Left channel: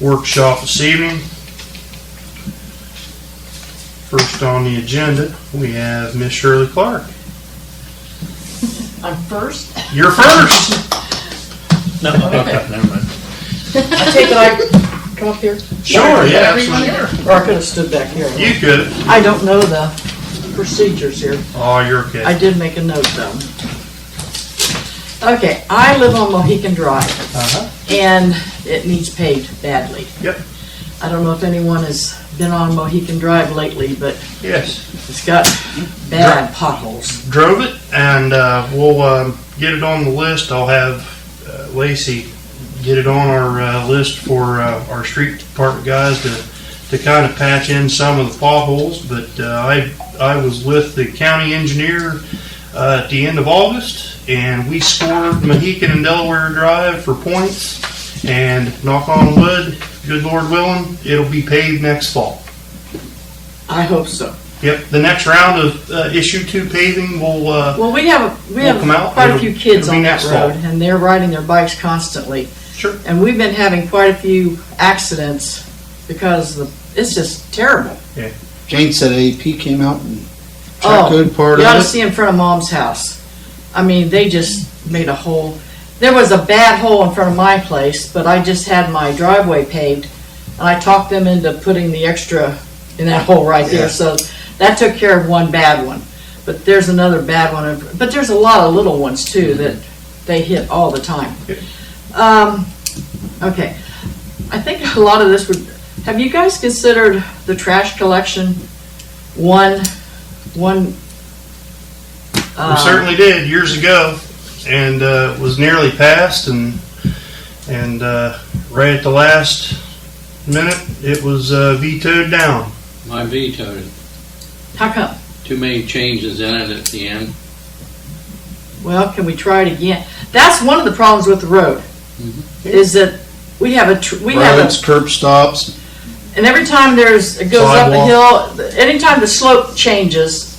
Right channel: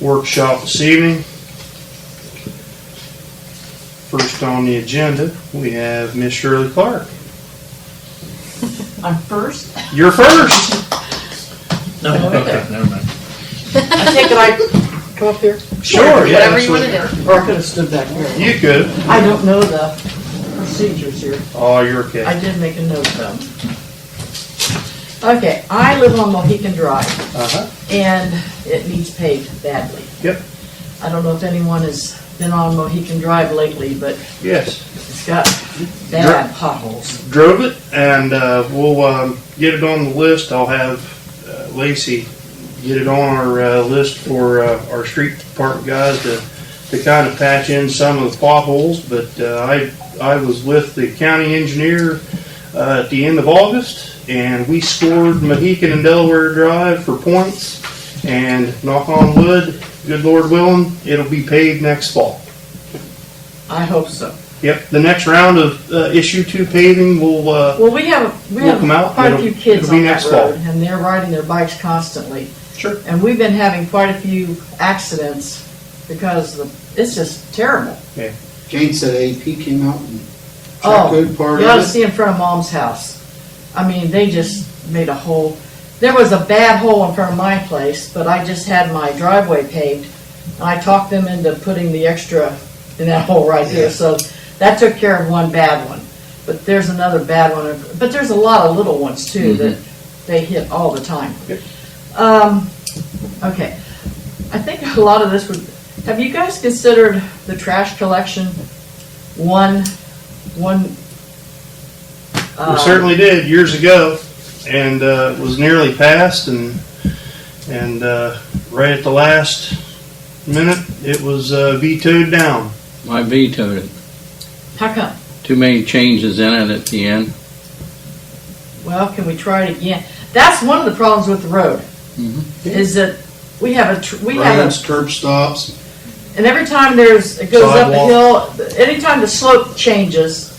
workshop this evening. First on the agenda, we have Miss Shirley Clark. I'm first? You're first. No, okay, never mind. I take it I come up here? Sure, yeah, Whatever you want to absolutely. do. Or I could have stood back here. You could. I don't know the procedures here. Oh, you're okay. I did make a note though. Okay, I live on Mohican Drive Uh-huh. and it needs paved badly. Yep. I don't know if anyone has been on Mohican Drive lately, but Yes. it's got bad potholes. Drove it, and we'll get it on the list. I'll have Lacey get it on our list for our street department guys to kind of patch in some of the potholes. But I was with the county engineer at the end of August, and we scored Mohican and Delaware Drive for points. And knock on wood, good Lord willing, it'll be paved next fall. I hope so. Yep, the next round of issue 2 paving will. Well, we have come out. quite a It'll- few kids it'll be on that next fall. road, and they're riding their bikes constantly. Sure. And we've been having quite a few accidents because it's just terrible. Jane said AP came out and Oh, checked good part you ought of to it. see in front of Mom's house. I mean, they just made a hole. There was a bad hole in front of my place, but I just had my driveway paved, and I talked them into putting the extra in that hole right there. Yeah. So that took care of one bad one. But there's another bad one. But there's a lot of little ones too that they hit all the time. Yeah. Okay. I think a lot of this would. Have you guys considered the trash collection? One. We certainly did years ago, and was nearly passed, and right at the last minute, it was vetoed down. I vetoed it. How come? Too many changes in it at the end. Well, can we try it again? That's one of the problems with the road, is that we have Roads, curb stops. and every time it goes up a Sidewalk. hill, anytime the slope changes,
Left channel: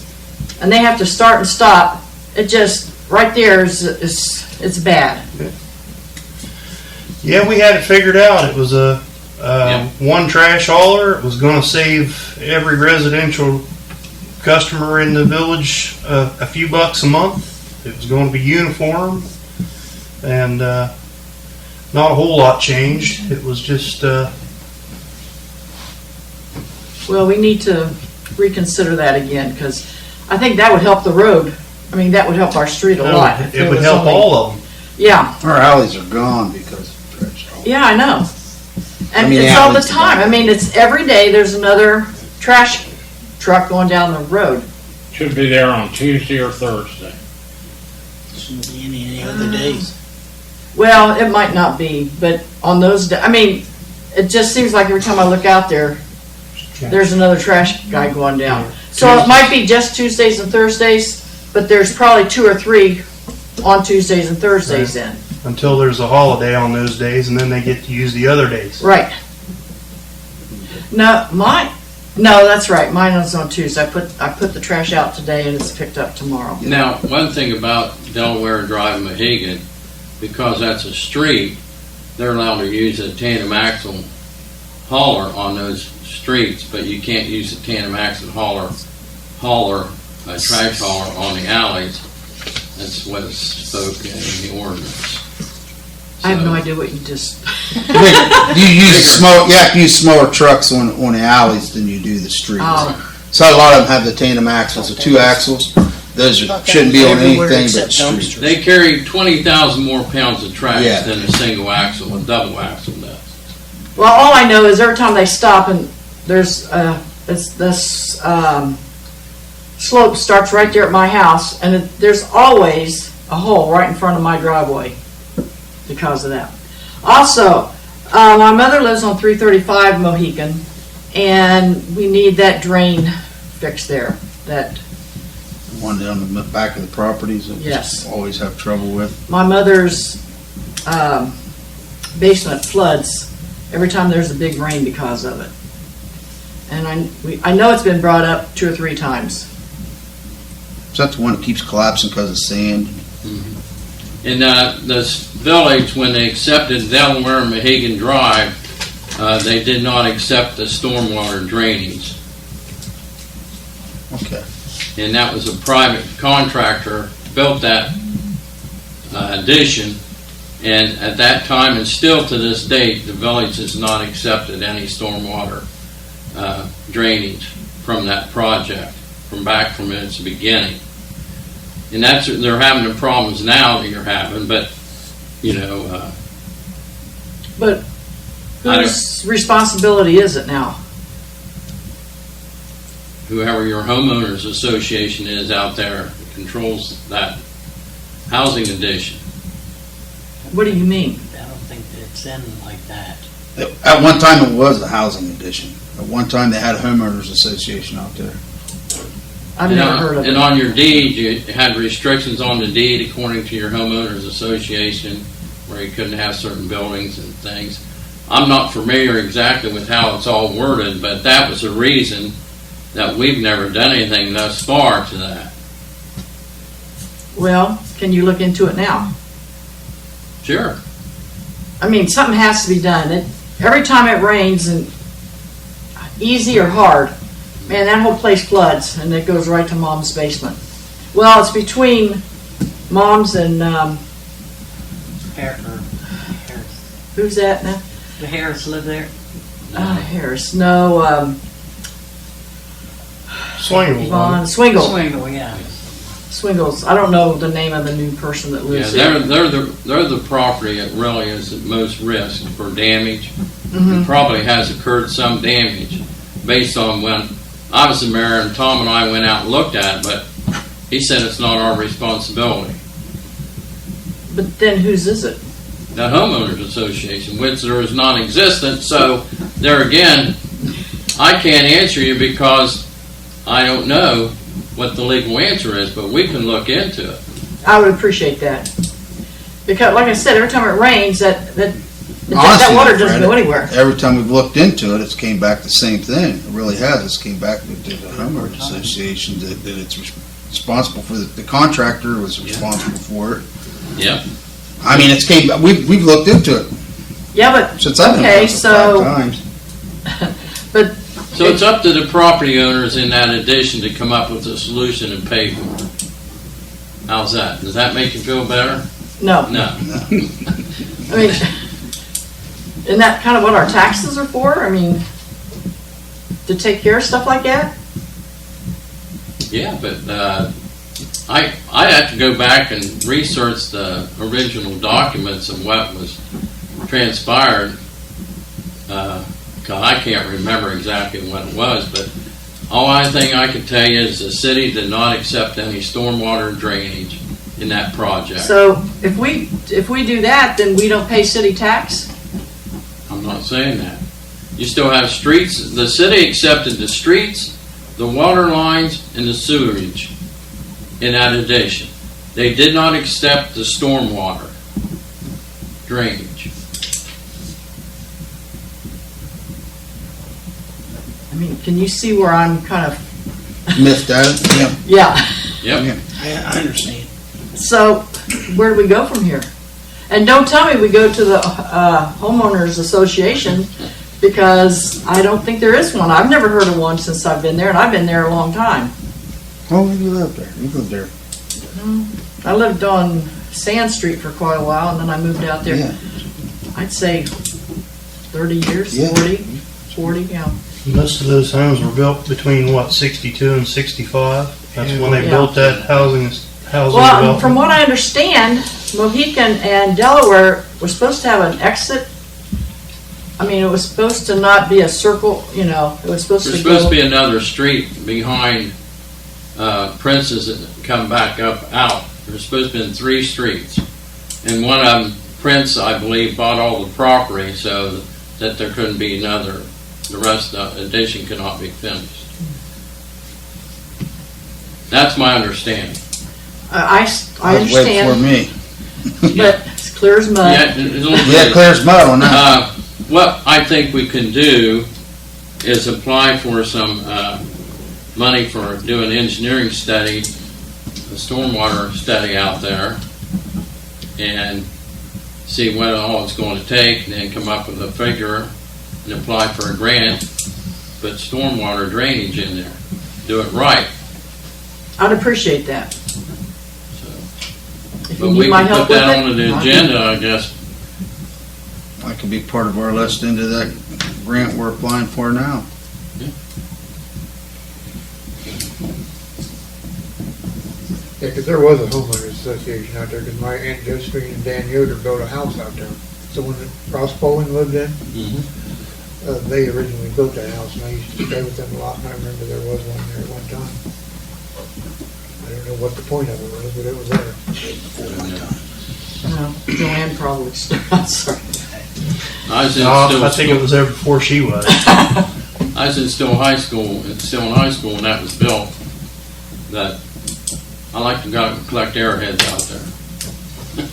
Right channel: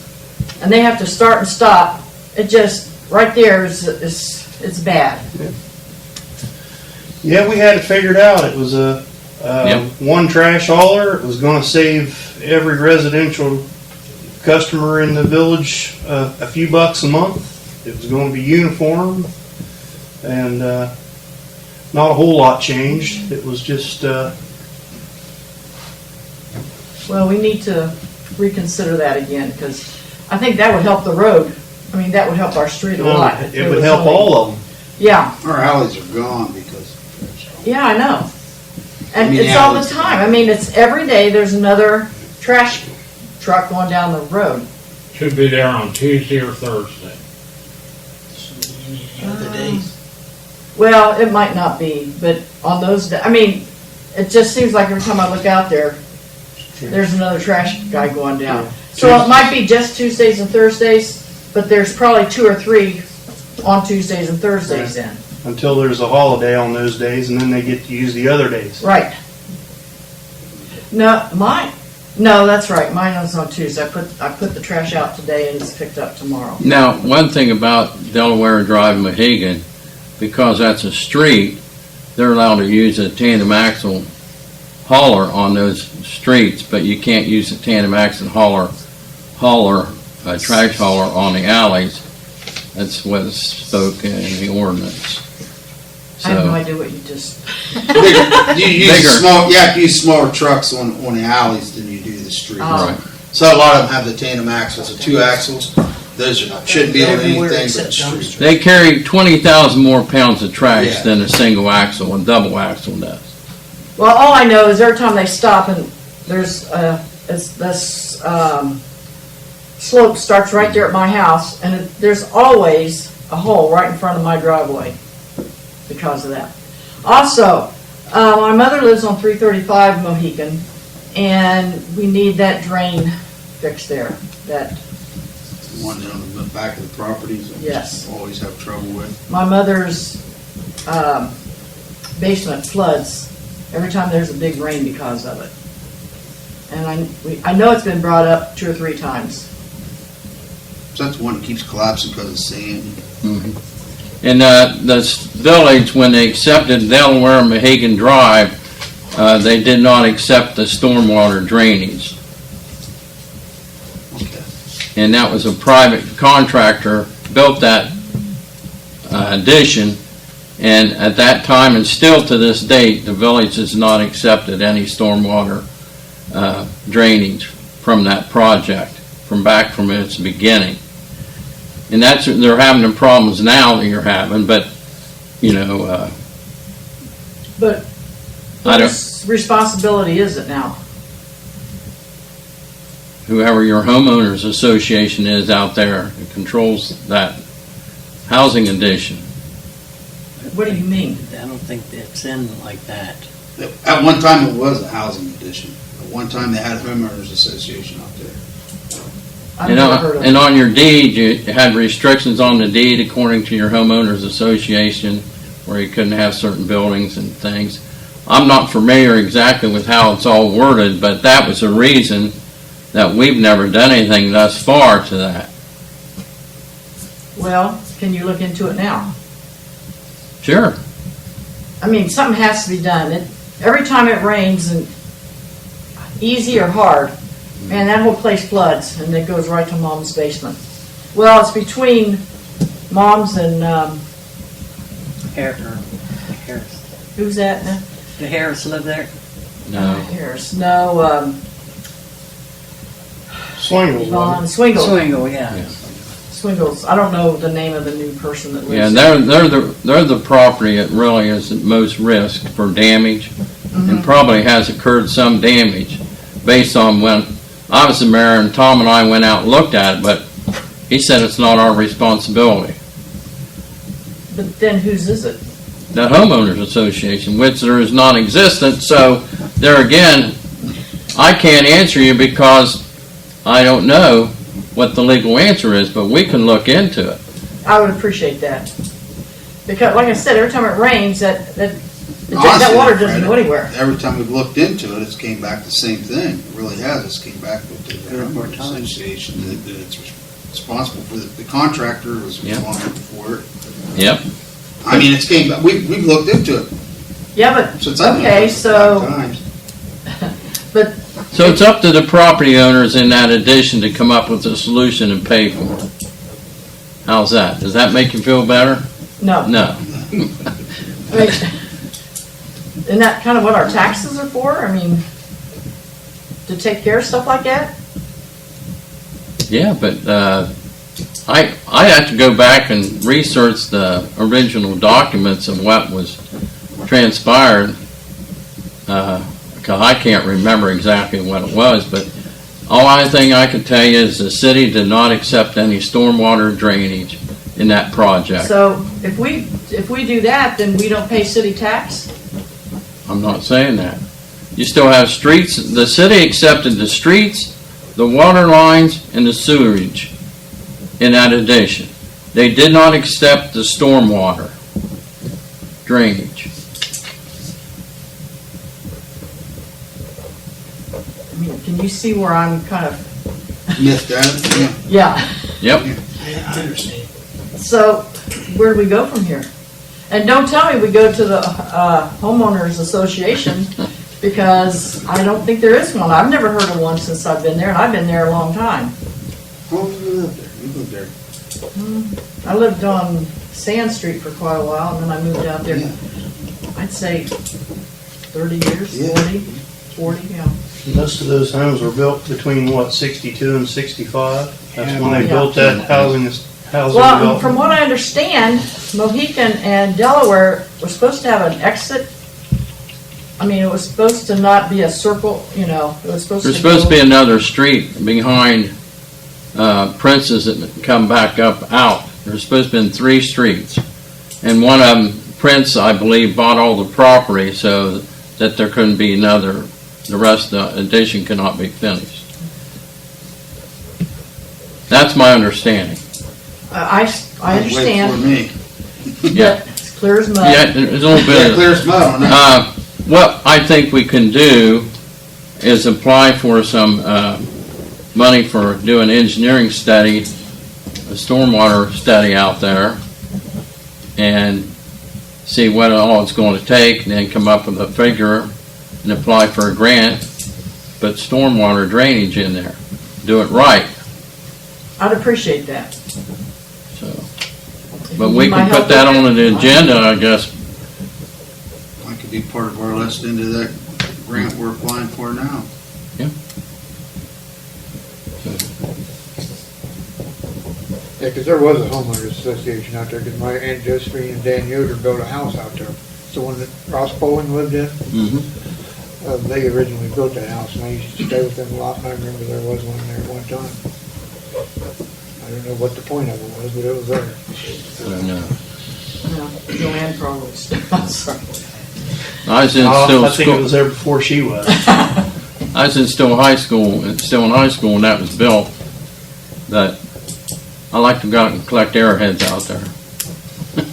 and they have to start and stop, it just, right there it's bad. Yeah, we had it figured out. It was a one trash hauler. It was going to save every residential customer in the village a few bucks a month. It was going to be uniform, and not a whole lot changed. It was just Well, we need to reconsider that again, because I think that would help the road. I mean, that would help our street a lot. if it there would was help only- all of them. Yeah, Our alleys are gone because of trash. yeah, I know. And I mean, it's yeah, all the it's time. I mean, it's every day there's another trash truck going down the road. Should be there on Tuesday or Thursday. Shouldn't be any other days. Well, it might not be, but on those days, I mean, it just seems like every time I look out there, there's another trash guy going down. Yeah. So it might be just Tuesdays and Thursdays, but there's probably 2 or 3 on Tuesdays and Thursdays then. Until there's a holiday on those days, and then they get to use the other days. Right. No, that's right. Mine is on Tuesday. I put the trash out today and it's picked up tomorrow. Now, one thing about Delaware Drive Mohegan, because that's a street, they're allowed to use a tandem axle hauler on those streets, but you can't use a tandem axle trash hauler on the alleys. That's what is spoken in the ordinance. I have no So, idea what you just. You use Bigger. small. You have to use smaller trucks on the alleys than you do the streets. Oh. So a lot of them have the tandem axles, the 2 axles. Those shouldn't be on Everywhere anything except but streets. dumpsters. they carry 20,000 more pounds of trash Yeah. than a single axle, a double axle does. Well, all I know is every time they stop and there's it's this slope starts right there at my house, and there's always a hole right in front of my driveway because of that. Also, my mother lives on 335 Mohican, and we need that drain fixed there. That One down the back of the properties that we Yes. always have trouble with. my mother's basement floods every time there's a big rain because of it. And I know it's been brought up 2 or 3 times. So that's the one that keeps collapsing because of sand. And this village, when they accepted Delaware and Mohegan Drive they did not accept the stormwater drainage. Okay. And that was a private contractor built that addition. And at that time, and still to this date, the village has not accepted any stormwater drainage from that project, from its beginning. And they're having the problems now that you're having, but, But I don't- whose responsibility is it now? whoever your homeowners association is out there that controls that housing addition. What do you mean? I don't think it's in like that. At one time, it was a housing addition. At one time, they had a homeowners association out there. I've never heard of And it. on your deed, you had restrictions on the deed according to your homeowners association, where you couldn't have certain buildings and things. I'm not familiar exactly with how it's all worded, but that was a reason that we've never done anything thus far to that. Well, can you look into it now? Sure. I mean, something has to be done. Every time it rains, and easy or hard, man, that whole place floods, and it goes right to Mom's basement. Well, it's between Mom's and, Harris. who's that now? The Harris live there? No. Harris, no, Swingle. Yvonne, Swingle. Swingle, yeah. Swingles. I don't know the name of the new person that Yeah, lives there. they're the property that really is at most risk for damage, Mm-hmm. and probably has occurred some damage based on when I was the mayor and Tom and I went out and looked at it, but he said it's not our responsibility. But then whose is it? The homeowners association, which there is non-existent, so there again, I can't answer you because I don't know what the legal answer is, but we can look into it. I would appreciate that. Because, like I said, every time it rains, that Honestly, water doesn't go Fred, anywhere. Every time we've looked into it, it's came back the same thing. It really has. It's came back with the homeowners association that it's responsible for the contractor was Yeah. responsible for it. Yep. I mean, it's came. We've looked into it Yeah, but, since I've been okay, here so, 5 times. but, So it's up to the property owners in that addition to come up with a solution and pay for it. How's that? Does that make you feel better? no. No. I mean, isn't that kind of what our taxes are for? I mean, to take care of stuff like that? Yeah, but I have to go back and research the original documents of what was transpired. Because I can't remember exactly what it was, but only thing I can tell you is the city did not accept any stormwater drainage in that project. So if we do that, then we don't pay city tax? I'm not saying that. You still have streets, the city accepted the streets, the water lines, and the sewerage in that addition. They did not accept the stormwater drainage. I mean, can you see where I'm kind of, Miffed at it. Yeah. yeah. Yep. I understand. So where do we go from here? And don't tell me we go to the homeowners association, because I don't think there is one. I've never heard of one since I've been there, and I've been there a long time. Oh, you lived there. You lived there. I lived on Sand Street for quite a while, and then I moved out there. Yeah. I'd say 30 years, Yeah. 40, yeah. Most of those homes were built between, what, 62 and 65? That's when they Yeah. built that housing Well, development. from what I understand, Mohican and Delaware were supposed to have an exit. I mean, it was supposed to not be a circle, it was supposed to There's supposed to go. be another street behind Prince's that come back up out. There's supposed to have been 3 streets. And one of them, Prince, I believe, bought all the property so that there couldn't be another, the rest of the addition could not be finished. That's my understanding. I That was way before understand, me. but it's clear as mud. Yeah, it's a little Yeah, bit. clear as mud on that. What I think we can do is apply for some money for doing engineering study, a stormwater study out there, and see what all it's going to take, and then come up with a figure and apply for a grant, put stormwater drainage in there. Do it right, I'd appreciate that. so. If But you we need my can help put that with on it, the agenda, I guess. That could be part of our list into that grant we're applying for now. Yeah, 'cause there was a homeowners association out there, 'cause my Aunt Josephine and Dan Yoder built a house out there. It's the one that Ross Bowling lived in. They originally built that house, and I used to stay with them a lot. I remember there was one there at one time. I don't know what the point of it was, but it was there. I don't know. Joanne probably, I'm sorry. I was in Oh, still I think it school, was there before she was. I was in still high school, still in high school when that was built, that I like to go out and collect airheads out there.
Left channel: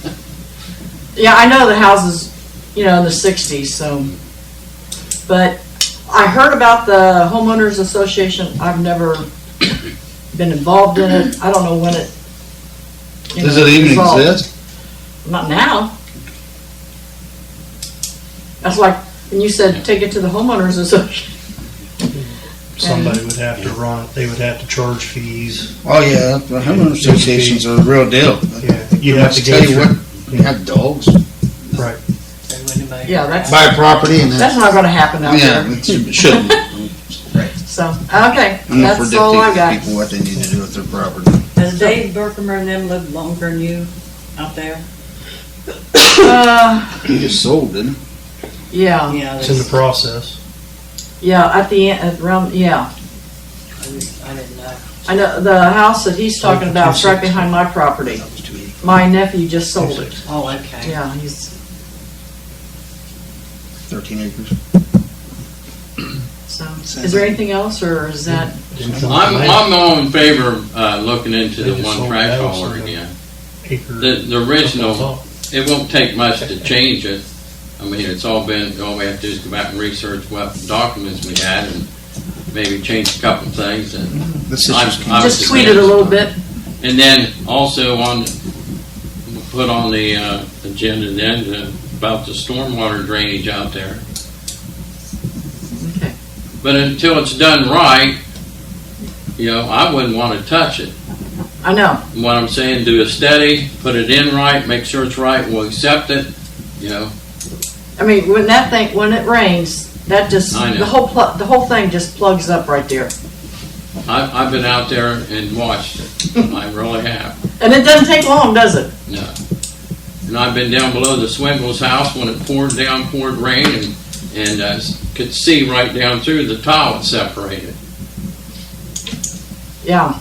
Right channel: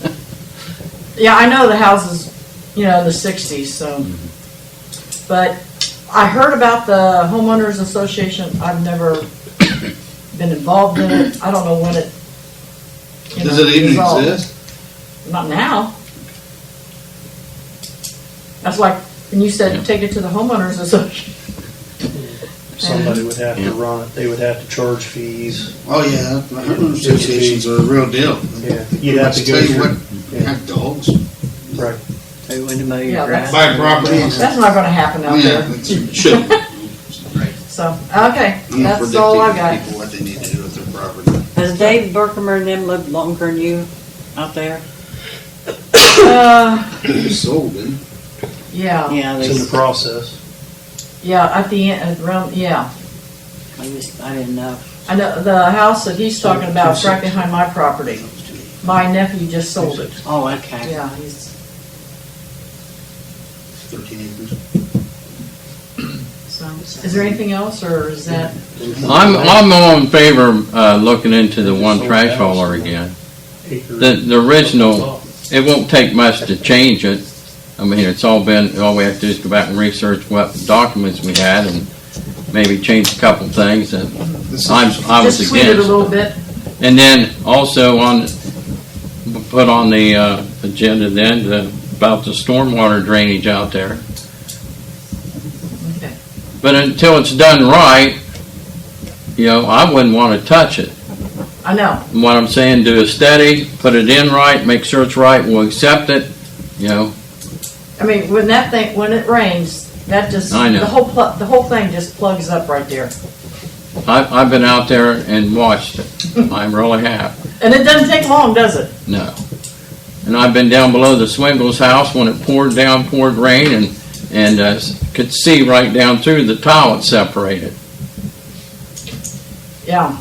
Yeah, I know the houses, in the 60s, so. But I heard about the homeowners association. I've never been involved in it. I don't know when it. Does it even evolved. exist? Not now. That's like, when you said take it to the homeowners association. Somebody would have to run it, they would have to charge fees. Oh, yeah, the homeowner associations are the real deal. Yeah, you'd have to go Tell you through, what, you have dogs. right. They wouldn't mow your Yeah, grass. Buy property and. That's not gonna happen out Yeah, there. it should. So, okay, I'm not that's all I predicting got. people what they need to do with their property. Does Dave Berkemer and them live longer than you out there? He just sold, didn't he? Yeah, Yeah, It's in the process. yeah, at the end, around, yeah. I didn't know. I know, the house that he's talking about is right behind my property. That was 280. My nephew just sold it. Oh, okay. Yeah, he's, 13 acres. so, is there anything else, or is that, I'm all in favor of looking into the one trash hauler again. The original, it won't take much to change it. I mean, it's all we have to do is go back and research what documents we had and maybe change a couple things, and I was just tweak it a against little it. bit? And then also put on the agenda then about the stormwater drainage out there. Okay. But until it's done right, I wouldn't want to touch it. I know, What I'm saying, do a steady, put it in right, make sure it's right, we'll accept it, I mean, when it rains, that just, I know. the whole thing just plugs up right there. I've been out there and watched it. I really have. And it doesn't take long, does it? No. And I've been down below the Swingles house when it poured rain, and could see right down through the tile it separated. Yeah.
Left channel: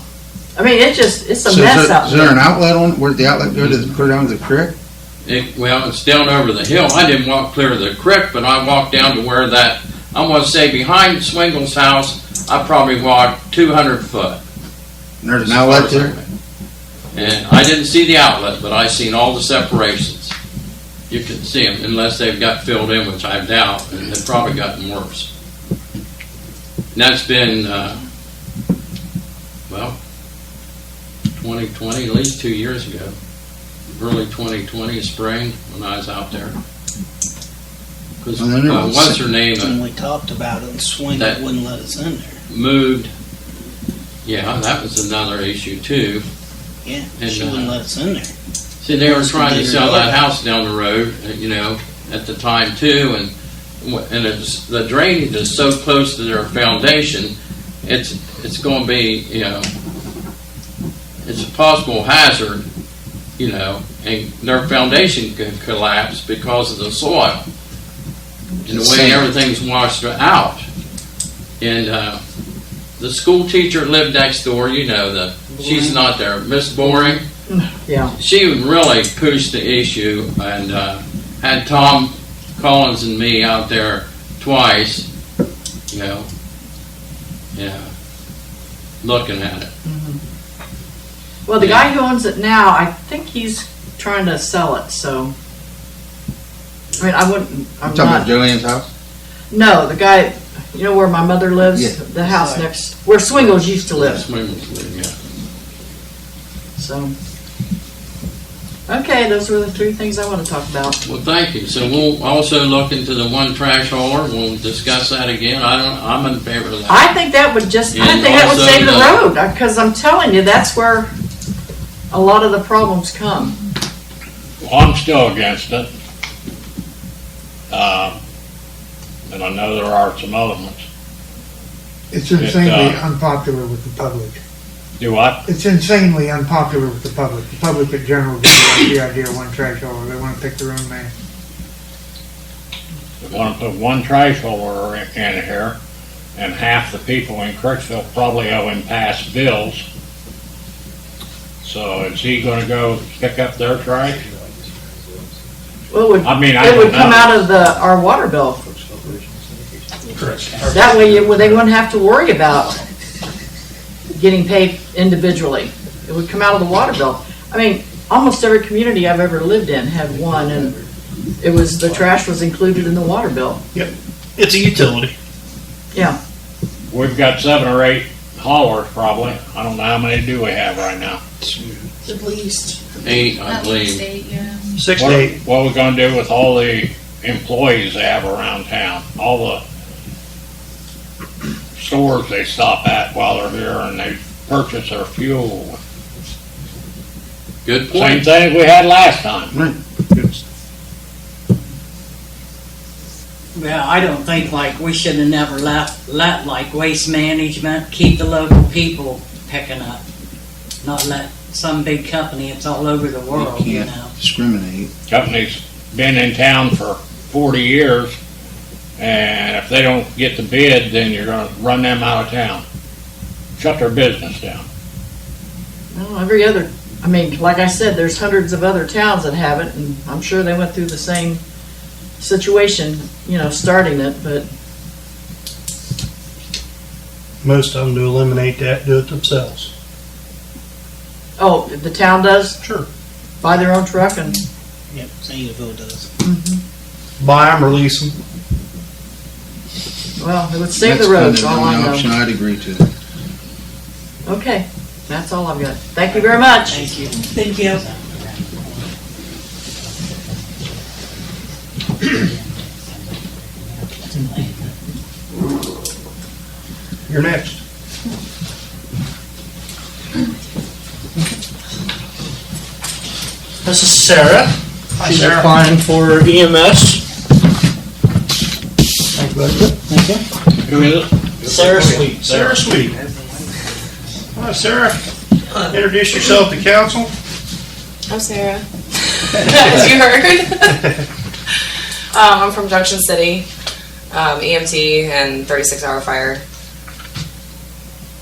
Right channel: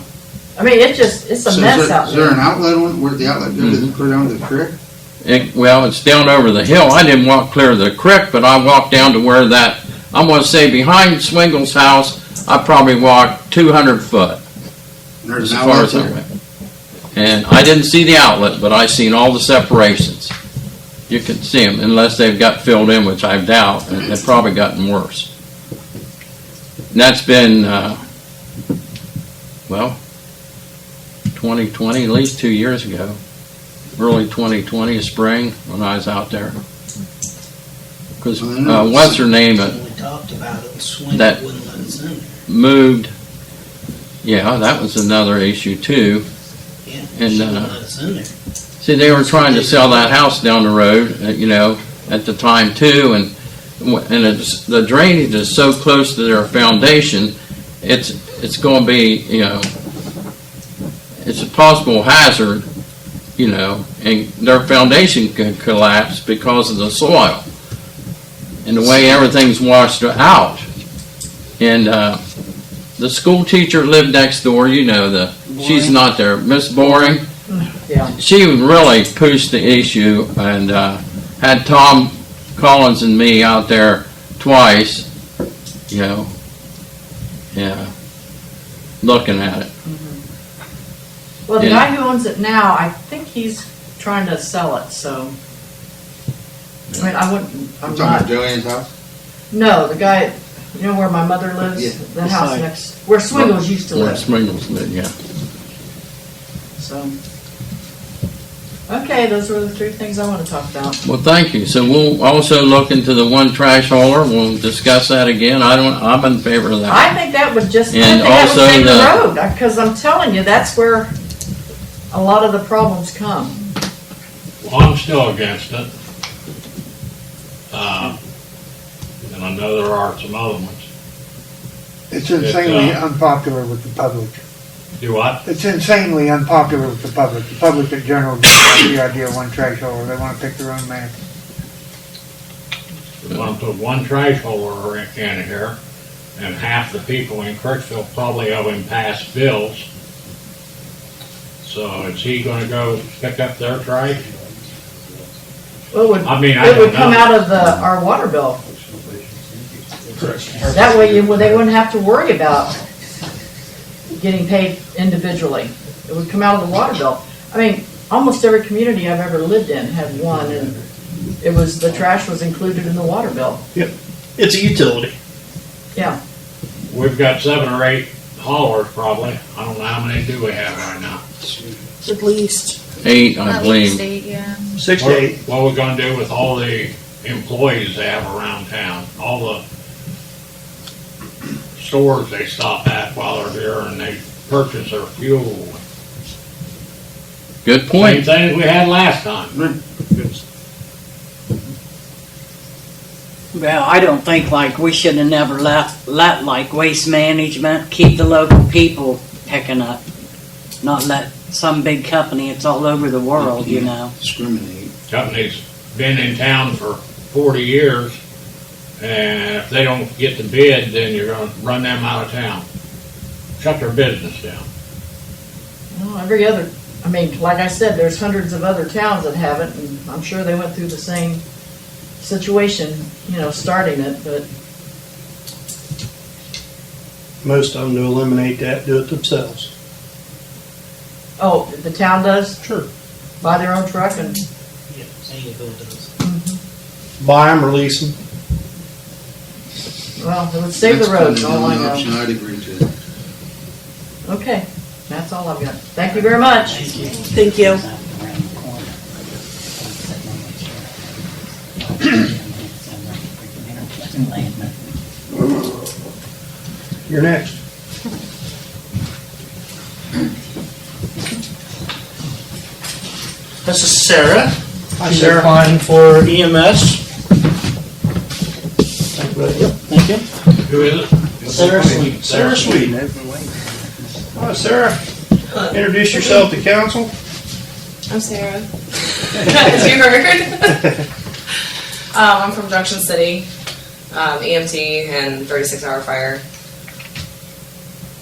I mean, it's a So mess out is there an there. outlet on, where'd the outlet go to clear down to the creek? Well, it's down over the hill. I didn't walk clear to the creek, but I walked down to where I'm going to say behind Swingles house, I probably walked 200 foot. There's as an far outlet as I there? went. And I didn't see the outlet, but I seen all the separations. You could see them, unless they've got filled in, which I doubt, and they've probably gotten worse. And that's been, 2020, at least 2 years ago. Early 2020, spring, when I was out there. Because, what's her name, When we talked about it, Swing That- wouldn't let us in there. moved. Yeah, that was another issue too. Yeah, And, she wouldn't let us in there. See, they were trying to sell that house down the road, at the time too, and the drainage is so close to their foundation, it's going to be, it's a possible hazard, and their foundation could collapse because of the soil and the way everything's washed out. And the school teacher lived next door, she's not there, Miss Boring. Yeah. She really pushed the issue and had Tom Collins and me out there twice, looking at it. Well, the Yeah. guy who owns it now, I think he's trying to sell it, so. I mean, I'm I'm talking about not, Joanne's house? no, the guy, where my mother lives? Yeah. The house Sorry. next, where Swingles used to live, Swingles, yeah. so. Okay, those were the three things I want to talk about. Well, thank you. So we'll also look into the one trash hauler. We'll discuss that again. I'm in favor of that. I think that would just, I And think that would also save the the- road, because I'm telling you, that's where a lot of the problems come. Well, I'm still against it. And I know there are some other ones. It's insanely uh, unpopular with the public. Do what? It's insanely unpopular with the public. The public in general doesn't like the idea of one trash hauler. They want to pick their own man. We want to put one trash hauler in here, and half the people in Crooksville probably owe him past bills. So is he gonna go pick up their trash? Well, it would, I mean, I it would don't come know. out of our water bill. That way they wouldn't have to worry about getting paid individually. It would come out of the water bill. I mean, almost every community I've ever lived in had one, and it was, the trash was included in the water bill. It's a utility. Yeah, We've got 7 or 8 haulers probably. I don't know how many do we have right now. At least. 8, I At believe. least 8, yeah. 6 to 8. What are we gonna do with all the employees they have around town? All the stores they stop at while they're here and they purchase their fuel. Good Same point. thing as we had last time. Well, I don't think like we should have never let like waste management keep the local people picking up. Not let some big company, it's all over the world, you know. Discriminate. Company's been in town for 40 years, and if they don't get the bid, then you're gonna run them out of town. Shut their business down. well, every other, I mean, like I said, there's hundreds of other towns that have it, and I'm sure they went through the same situation, you know, starting it, but Most of them to eliminate that, do it themselves. oh, the town does Sure. buy their own truck and, Yep, Cville does. Buy them or lease them. well, it would save That's the roads, kind of all I the only know. option I'd agree to. Okay, that's all I've got. Thank you very much. Thank you. Thank you. You're next. This is Sarah. Hi, She's Sarah. applying for EMS. Thank you, bud. Thank you. Who is it? Sarah Sweet. Sarah Sweet. Hi, Sarah. Introduce yourself to council. I'm Sarah. As you heard. I'm from Junction City, EMT and 36-hour fire.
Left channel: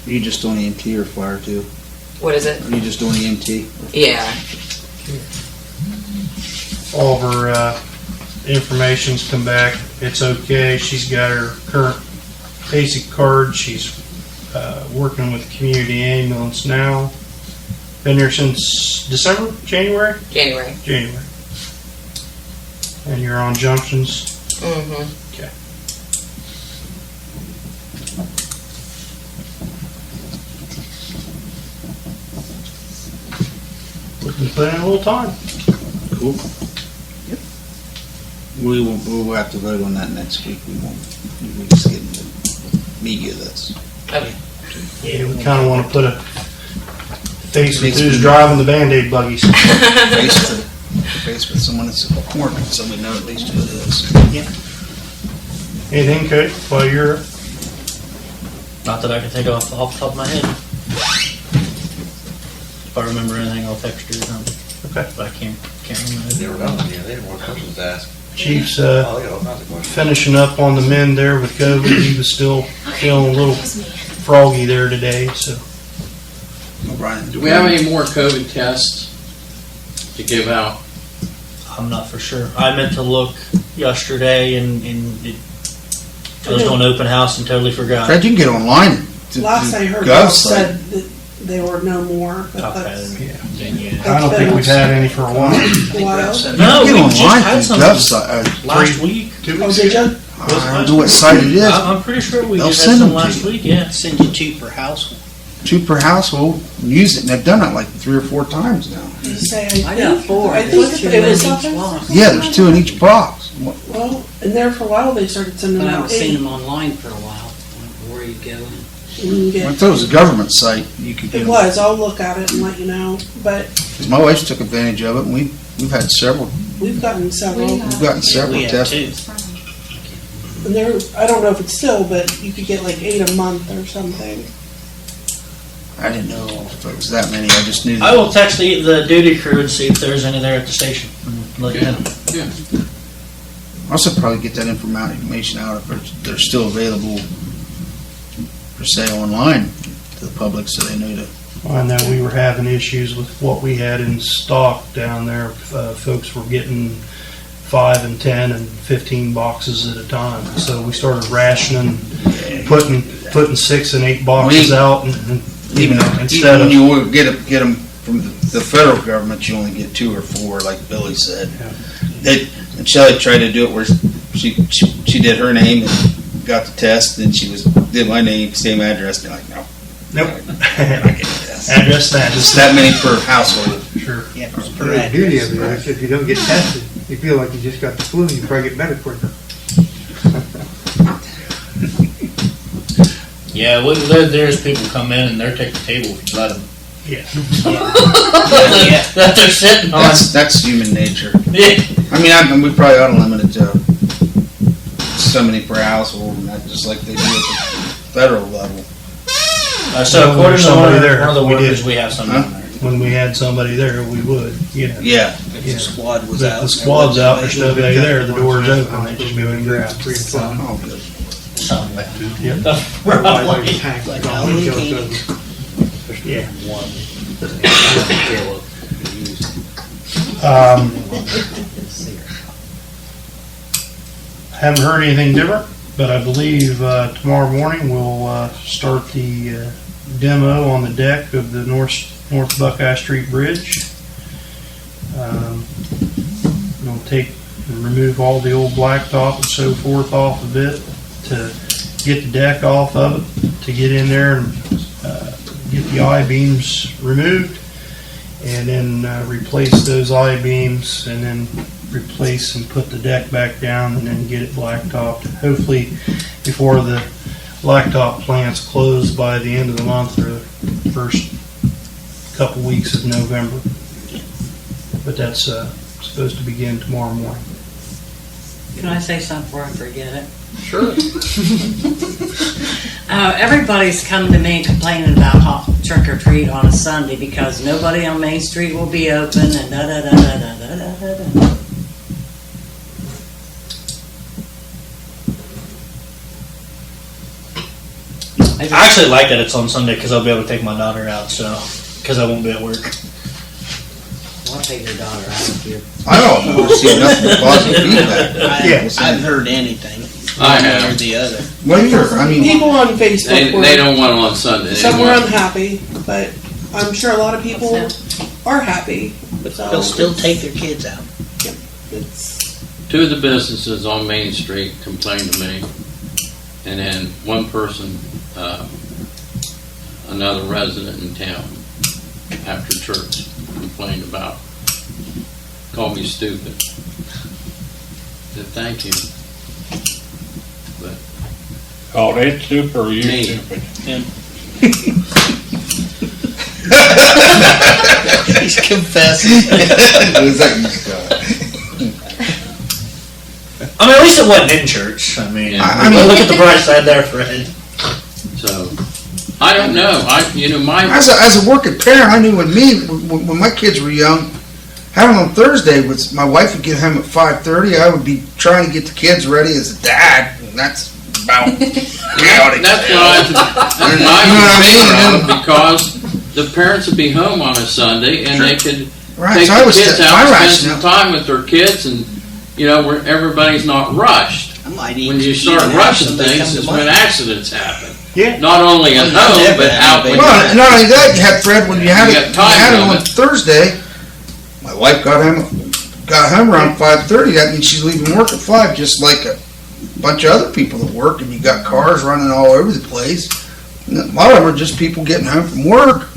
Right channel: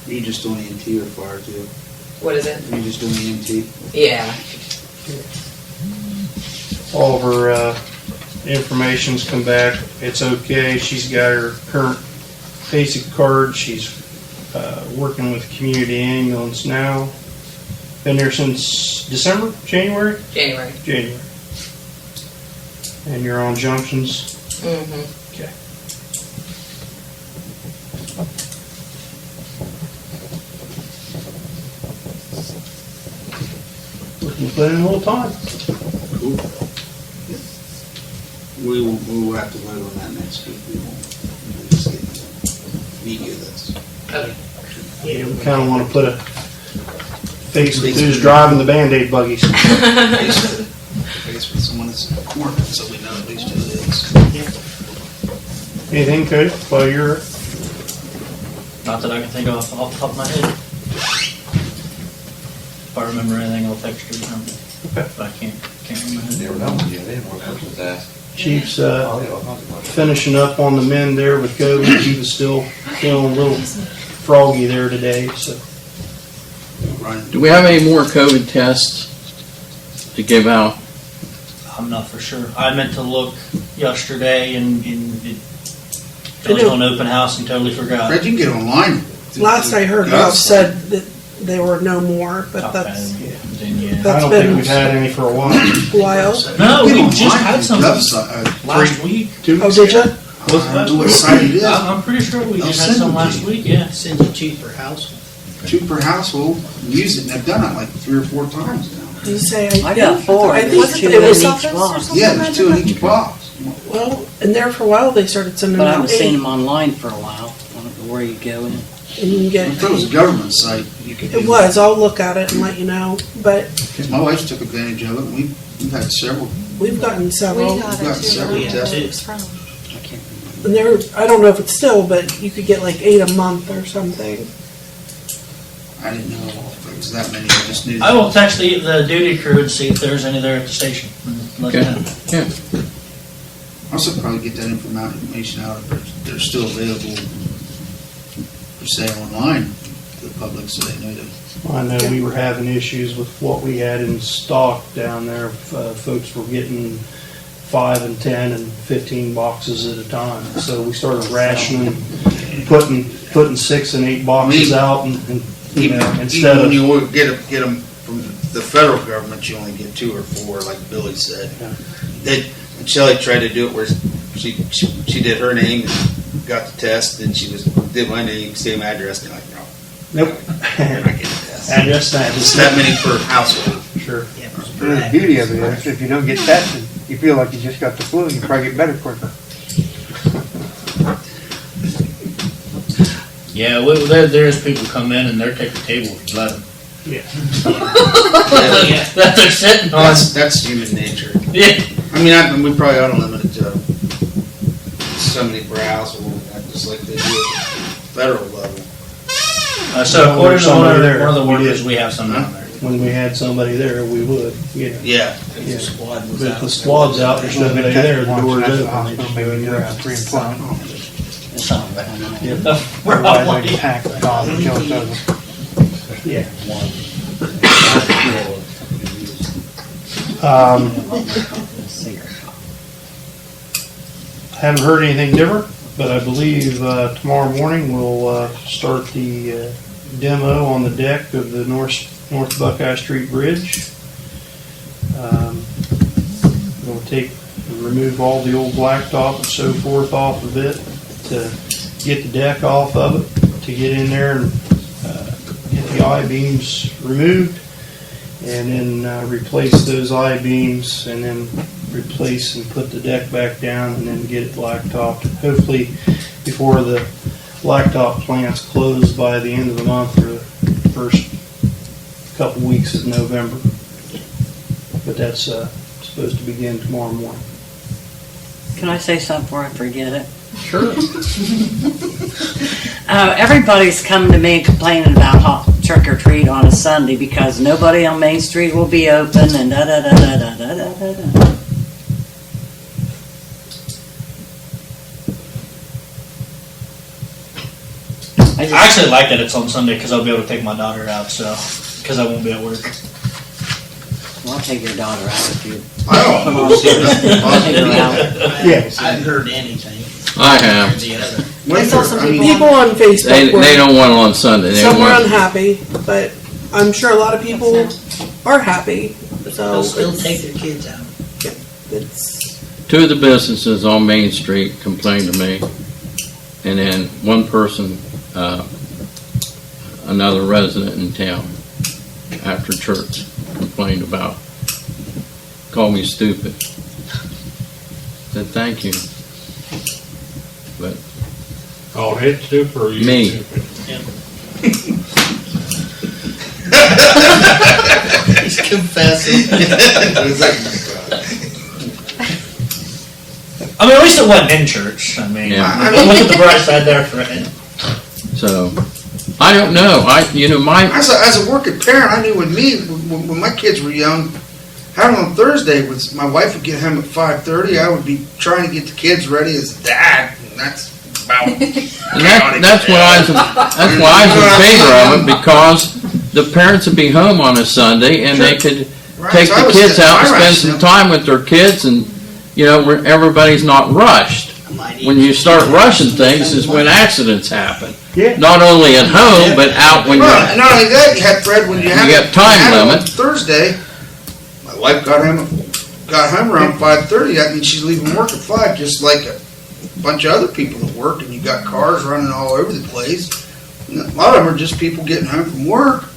You just doing EMT or fire too? What is it? You just doing EMT? Yeah. All of her information's come back. It's okay. She's got her current basic card. She's working with community ambulance now. Been there since December, January? January. January. And you're on junctions. Mm-hmm. Okay. Looking to put in a little time. Cool. We'll have to vote on that next week. We won't. We'll just get into media that's. Okay. Yeah, we kind of want to put a face with who's driving the Band-Aid buggies. Face with someone that's working, so we know at least who it is. Anything, Cody, while you're, Not that I can think of off the top of my head. If I remember anything, I'll text her or something. Okay. But I can't remember. They were done with you, they had more questions to ask. Chief's Oh, yeah, all kinds of questions. finishing up on the mend there with COVID. He was still feeling a little froggy there today, so. Brian, Do we have any more COVID tests to give out? I'm not for sure. I meant to look yesterday and I was going to open house and totally forgot. Fred, you can get online. Last I heard, Go, it said that there were no more, but Okay. that's Then, yeah. I don't think we've had any for a while. a while. No, You we can just get had online through something GovSite. last week. 2 Oh, weeks did ago? you? I don't know what site it is. I'm pretty sure we They'll just send had some them to last you. week, yeah. Send you 2 per household. 2 per household. Use it, and they've done it like 3 or 4 times now. Just say, I got four. I There's think two it in was, each box. Yeah, there's 2 in each box. well, and there for a while, they started sending But I out was seeing 8, them online for a while. I don't know where you go. and you can I get, thought it was a government site, you could it do. was, I'll look at it and let you know, but 'Cause my wife took advantage of it, and we've had several. we've gotten several. We've gotten several tests. I can't And there, I don't know if it's still, but you could get like 8 a month or something. I didn't know if it was that many, I just knew. I will text the duty crew and see if there's any there at the station. Let them know. Yeah. Also probably get that information out if they're still available for sale online to the public so they know to. Well, I know we were having issues with what we had in stock down there. Folks were getting 5 and 10 and 15 boxes at a time. So we started rationing, putting 6 and 8 boxes out, and Even instead when of, you get them from the federal government, you only get 2 or 4, like Billy said. Yeah. And Shelley tried to do it where she did her name and got the test, and then did my name, same address, and they're like, no. nope. You're not getting the test. Address that. Just that many per household. Sure. The beauty of it is, if you don't get tested, you feel like you just got the flu, and you probably get better quicker. Yeah, there's people come in and they're taking tables and let them. Yeah. That they're sitting on. That's human nature. Yeah. I mean, we probably ought to limit it to so many per household, and not just like they do at the federal level. So according to Somebody there, one of the we workers, did. we have some down there. When we had somebody there, we would, yeah. Yeah. If the squad's out, there's nobody there, the door's open, they just go in and grab. Something like Yeah. that. Otherwise, I just hack the collar, kills over. Yeah. Haven't heard anything different, but I believe tomorrow morning we'll start the demo on the deck of the North Buckeye Street Bridge. We'll remove all the old blacktop and so forth off of it to get the deck off of it, to get in there and get the I-beams removed, and then replace those I-beams, and then replace and put the deck back down, and then get it blacktopped. Hopefully before the blacktop plant's closed by the end of the month or the first couple weeks of November. But that's supposed to begin tomorrow morning. Can I say something before I forget it? Sure. Everybody's coming to me and complaining about trick or treat on a Sunday because nobody on Main Street will be open and da da da da da da da da da. I actually like that it's on Sunday because I'll be able to take my daughter out, so because I won't be at work. Well, I'll take your daughter out if you. I don't see nothing positive in that. Yeah. I haven't heard anything. I have. Or the other. What do you, I mean, People on They Facebook were, don't want it on Sunday. They some were want, unhappy, but I'm sure a lot of people are happy. But So they'll still it's- take their kids out. It's, 2 of the businesses on Main Street complained to me, and then one person, another resident in town, after church, complained about, called me stupid. Said, thank you. But Called it stupid or you Me. stupid? He's confessing. I mean, at least it wasn't in church. I mean, Yeah. I mean, look at the bright side there, Fred. so, I don't know. My as a working parent, I knew when my kids were young, having on Thursday was my wife would get home at 5:30. I would be trying to get the kids ready as a dad. And that's about that's why I was in favor of it, because the parents would be home on a Sunday and they could right. take So I the was kids out, I spend rationed some time with their kids, and where everybody's not rushed. I might When even you start steal rushing that and things come is to when mine. accidents happen. Yeah. Not only at home, but out when Well, you're. not only that, you had Fred when you had You it, got time had it on limit. Thursday. My wife got home around 5:30. That means she's leaving work at 5, just like a bunch of other people that work. And you got cars running all over the place. And a lot of them are just people getting home from work.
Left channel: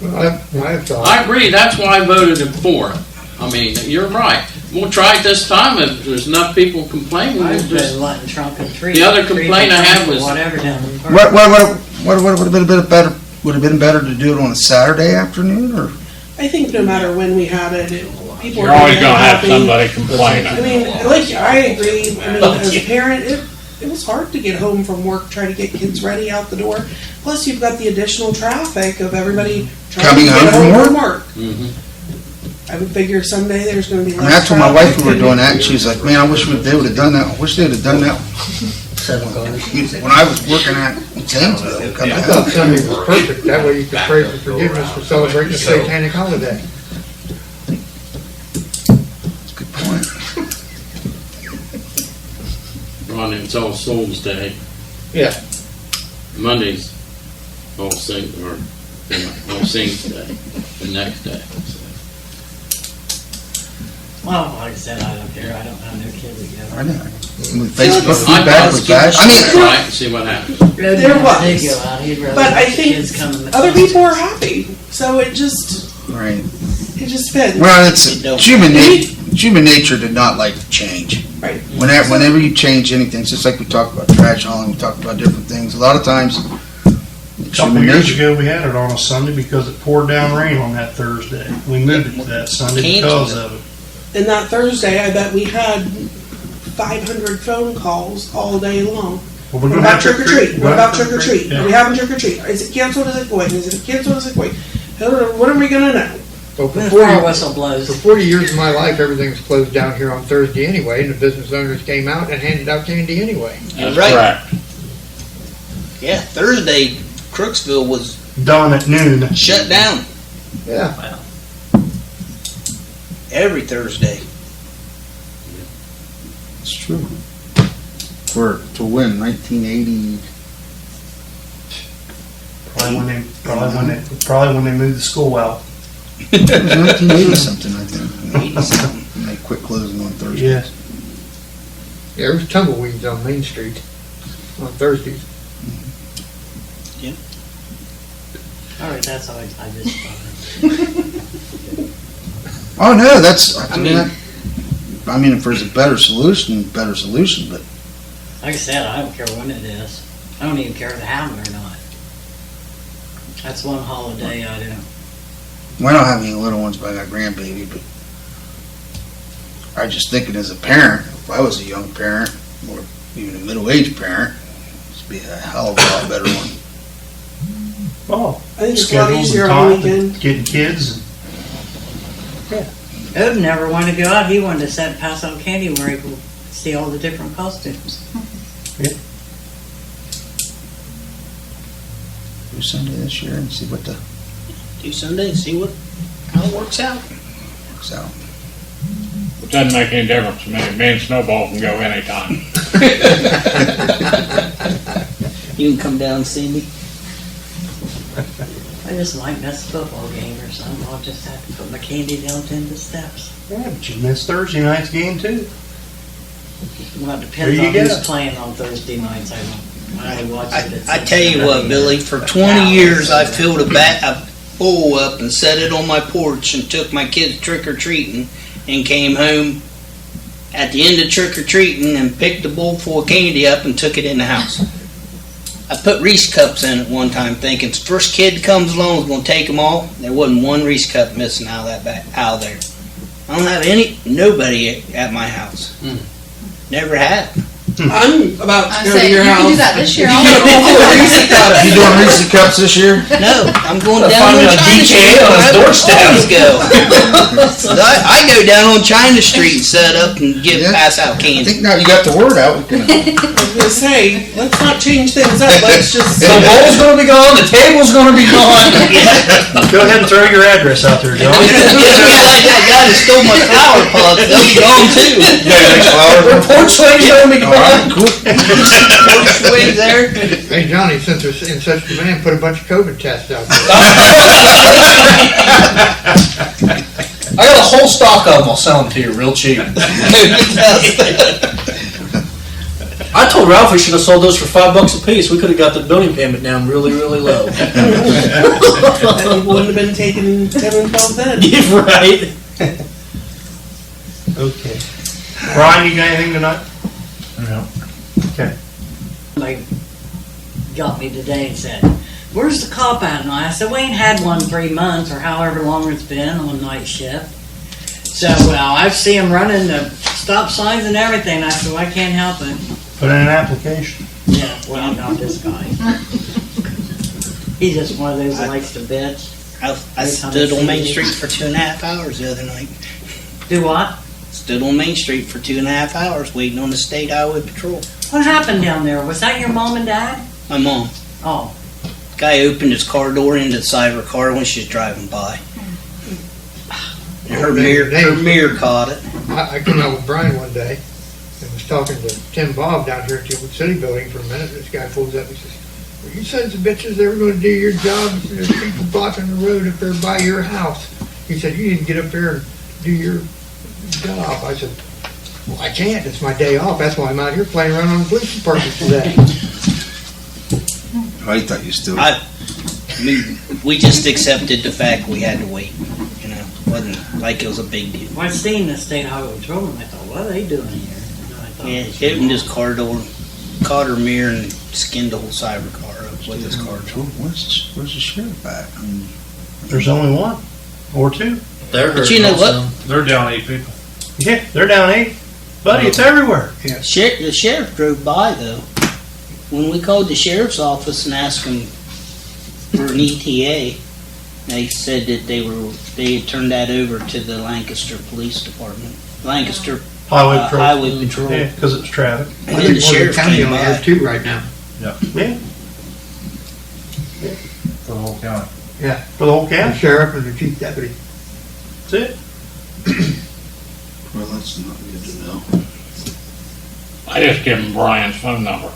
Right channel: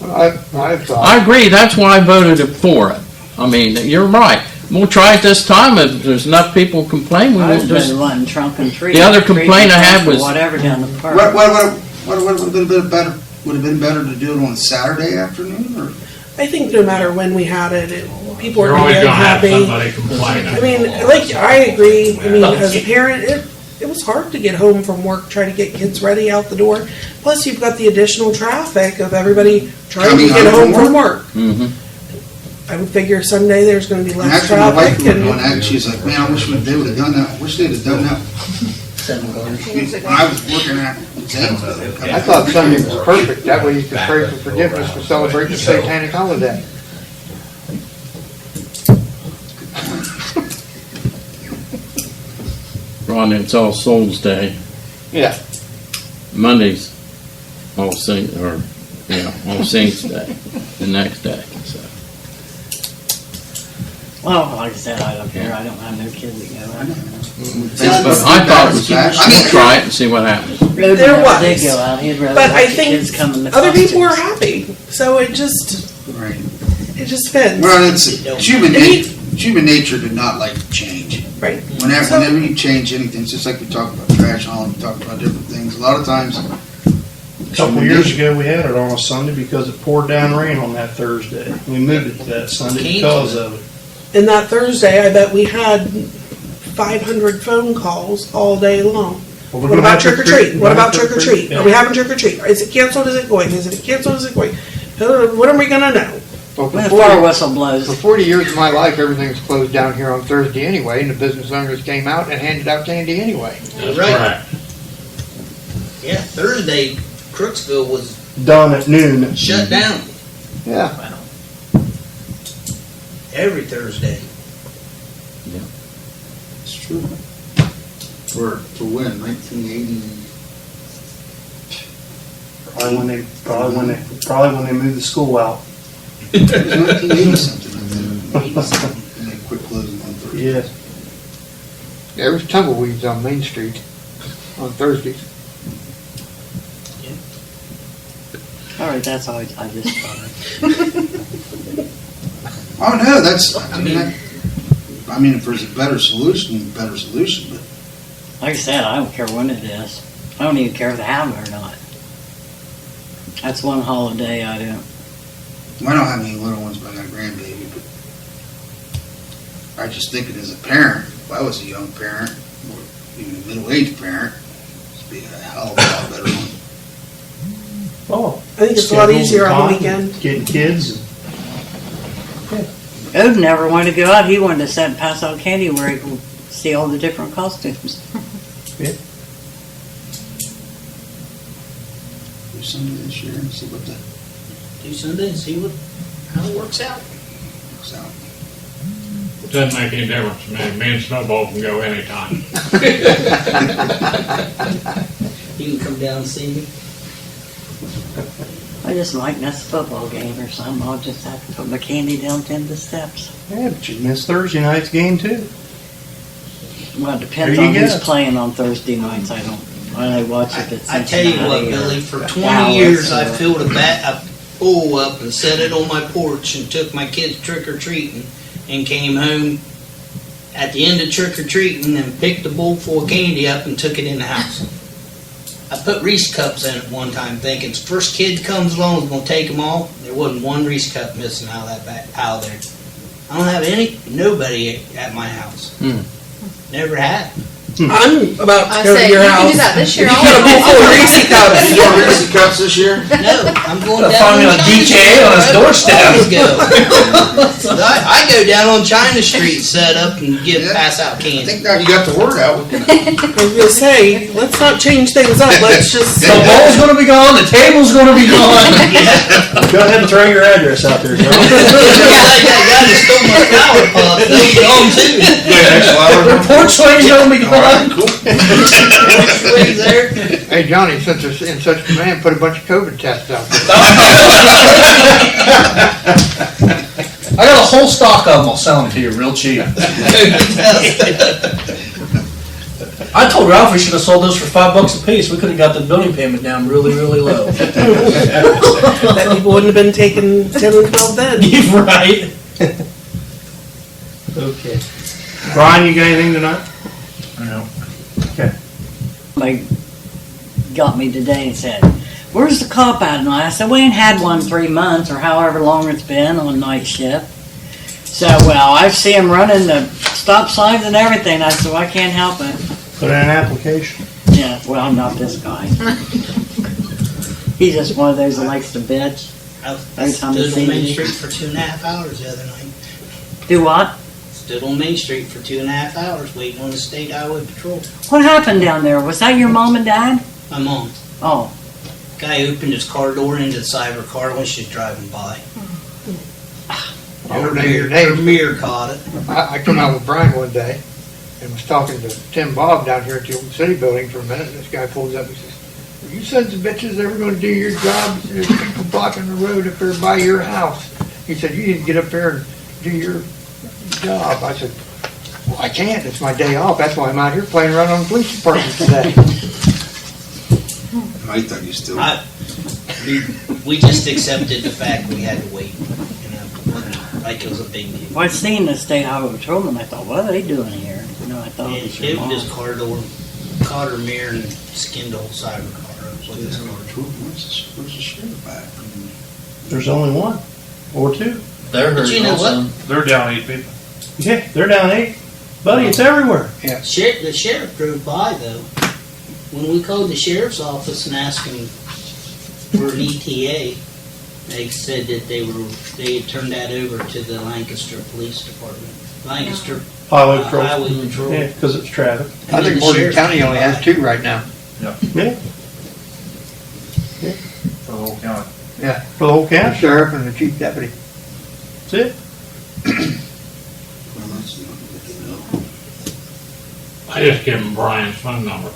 Well, I thought, I agree, that's why I voted for it. I mean, you're right. We'll try it this time, if there's enough people complain, we I won't was just, letting trunk and tree. The other complaint I had was- Whatever down the park. What would have been a bit better? Would have been better to do it on a Saturday afternoon, or? I think no matter when we had it, people were You're always gonna gonna have happy. somebody complaining. I mean, like, I agree, I mean, as a parent, it was hard to get home from work, trying to get kids ready out the door. Plus, you've got the additional traffic of everybody trying Coming to get home home from from work. Mhm. I would figure Sunday there's gonna be And less that's when my wife traffic. was doing that, and she's like, man, I wish they would have done that. I wish they'd have done that 7 cars. when I was working at Zanesville. I thought Sunday was perfect, that way you could pray for forgiveness to celebrate the satanic holiday. Good point. Ron, it's All Souls Day. Yeah. Monday's All Saints, or, All Saints Day, the next day, so. Well, like I said, I don't care, I don't have no kids to I go. know. Facebook, I that was bad. I mean, try it and see what happens. There was. They go out, he'd rather But I have the think kids come in the other people are costumes. happy, so it just right. fits. Well, it's human nature did not like change. Right. Whenever you change anything, it's just like we talked about trash hauling, we talked about different things. A lot of times, A couple years ago, we had it on a Sunday because it poured down rain on that Thursday. We moved it to that Sunday because of it. And that Thursday, I bet we had 500 phone calls all day long. Well, we're What gonna about have trick or treat? What about trick or treat? Yeah. Are we having trick or treat? Is it canceled? Is it going? Is it canceled? Is it going? When are we gonna know? Well, When the for fire 40 whistle blows. for 40 years of my life, everything's closed down here on Thursday anyway, and the business owners came out and handed out candy anyway. That's Right. correct. Yeah, Thursday, Crooksville was Done at noon. shut down Yeah. every Thursday. it's true. To win, 1980. Probably when they moved the school out. It was 1980 something, I think. They quit closing on Thursday. Yes. There was tumbleweeds on Main Street on Thursdays. All right, that's all I just thought. Oh, no, that's, I mean, if there's a better solution, but Like I said, I don't care when it is. I don't even care if they have them or not. That's one holiday I don't. we don't have any little ones, but I got a grandbaby, but I was just thinking as a parent, if I was a young parent, or even a middle-aged parent, it'd be a hell of a lot better one. Oh. I think it's a lot schedules easier and on the time, weekend. Getting kids. Ode never wanted to go out. He wanted to sit and pass out candy where he could see all the different costumes. Do Sunday this year and see what the Do Sunday and see how it works out. works out. It doesn't make any difference to me. Me and Snowball can go anytime. You can come down and see me. I just might miss a football game or something. I'll just have to put my candy down in the steps. Yeah, but you missed Thursday night's game too. Well, it depends There on you who's go. playing on Thursday nights. I don't. I watch it. It's I tell you what, Billy, for 20 years I filled a bowl up and set it on my porch and took my kids trick-or-treating and came home at the end of trick-or-treating and picked a bowl full of candy up and took it in the house. I put Reese cups in it one time thinking the first kid that comes along is going to take them all. There wasn't one Reese cup missing out of there. I don't have nobody at my house. Never had. I'm about to I go to say, your you house. can do that this year. You get a bowl full of Reese's cups. You doing Reese cups this year? No, I'm going down Find on a China DJ Street. on his doorstep. Always go. I go down on China Street, set up, and pass out I candy. think now you got the word out, we can, I was gonna say, let's not change things up. Let's just. The bowl's gonna be gone, the table's gonna be gone. Go ahead and throw your address out there, John. That guy that stole my flower pot, they're gone too. The porch swing's gonna be gone. Swings there. Hey, Johnny, since there's in such demand, put a bunch of COVID tests out there. I got a whole stock of them, I'll sell them to you real cheap. I I told Ralph we should have sold those for $5 a piece. We could have got the building payment down really, really low. That people wouldn't have been taking 10 and 12 then. Right? Okay. Brian, you got anything tonight? No. Okay. They got me today and said, "Where's the cop at?" And I said, "We ain't had one 3 months or however long it's been on night shift." So, well, I see him running the stop signs and everything. I said, well, I can't help it. Put in an application. Yeah, well, not this guy. He's just one of those that likes to bitch. I stood on Main Street for 2.5 hours the other night. Do what? Stood on Main Street for 2.5 hours waiting on the state highway patrol. What happened down there? Was that your mom and dad? My mom. Oh, Guy opened his car door into the side of her car when she was driving by. Her mirror caught it. I come out with Brian one day and was talking to Tim Bob down here at the old city building for a minute. This guy pulls up, he says, "You sons of bitches ever gonna do your job? There's people blocking the road up there by your house." He said, "You need to get up there and do your job." I said, "Well, I can't. It's my day off. That's why I'm out here playing around on the police department today." I thought you still. We just accepted the fact we had to wait. You know, it wasn't like it was a big deal. well, I seen the state highway patrolman. I thought, what are they doing here? No, I thought. Yeah, it was he your opened mom. his car door, caught her mirror, and skinned the whole side of her car up with his car door. Where's the sheriff at? There's only one or two. They're But you know also. what? They're down 8 people. Yeah, they're down 8. Buddy, it's everywhere. The sheriff drove by though. When we called the sheriff's office and asked them for an ETA, they said that they had turned that over to the Lancaster Police Department. Lancaster Highway patrol. Highway Patrol. Yeah, because it's traffic. And I then think the Morgan sheriff County came only by. has 2 right now. Yeah, For the whole county. for the whole The county. sheriff and the chief deputy. That's it. Well, that's not good to know. I just give him Brian's phone number.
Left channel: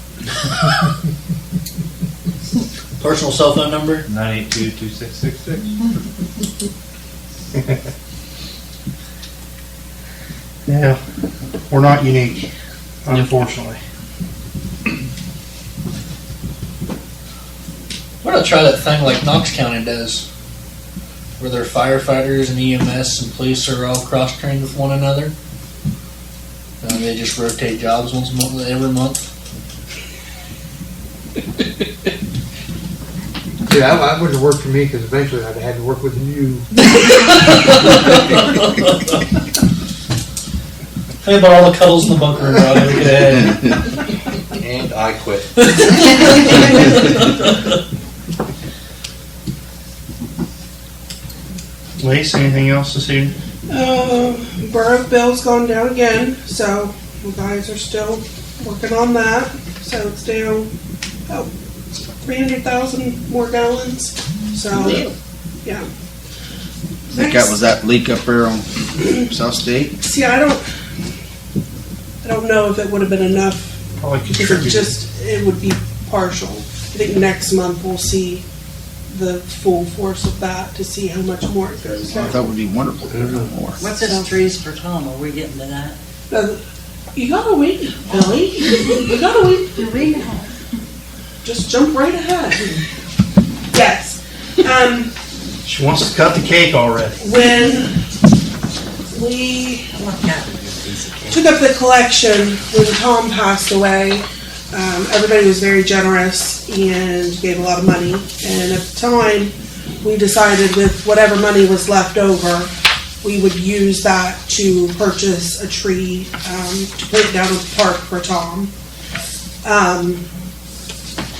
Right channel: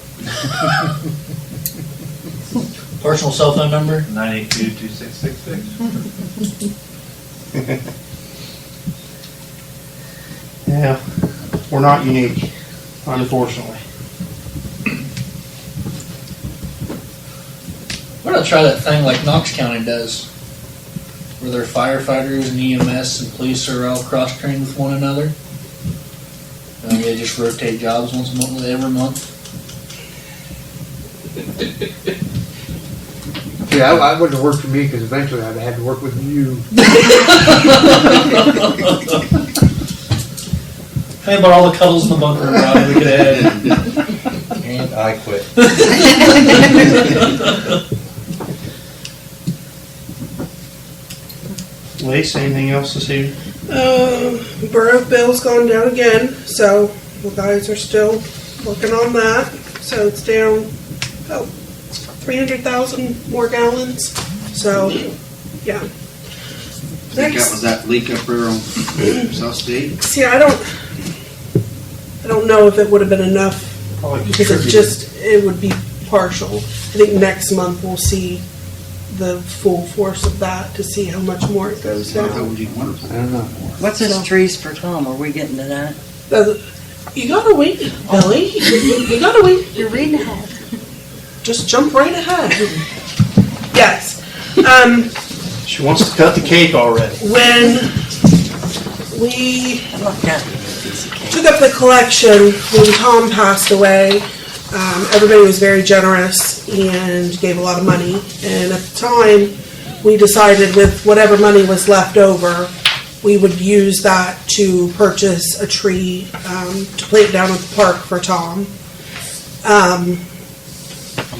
Personal cell phone number? 982-2666. Yeah, we're not unique, unfortunately. Why not try that thing like Knox County does? Where their firefighters and EMS and police are all cross-trained with one another? And they just rotate jobs once a month, every month? Yeah, that wouldn't have worked for me because eventually I'd have had to work with you. Hey, about all the cuddles in the bunker, Brian. Go ahead. And I quit. Lacey, anything else this evening? Borough bill's gone down again, so the guys are still working on that. So it's down, 300,000 more gallons. So, yeah. Think that was that leak up there on South State? See, I don't know if it would have been enough Probably because contributed. it would be partial. I think next month we'll see the full force of that to see how much more it goes I thought down. it would be wonderful. I don't know. What's this trees for Tom? Are we getting to that? You gotta wait, Billy. You gotta wait. You're reading ahead. Just jump right ahead. Yes. She wants to cut the cake already. When we Look at took up the collection when Tom passed away, everybody was very generous and gave a lot of money. And at the time, we decided with whatever money was left over, we would use that to purchase a tree to put down at the park for Tom.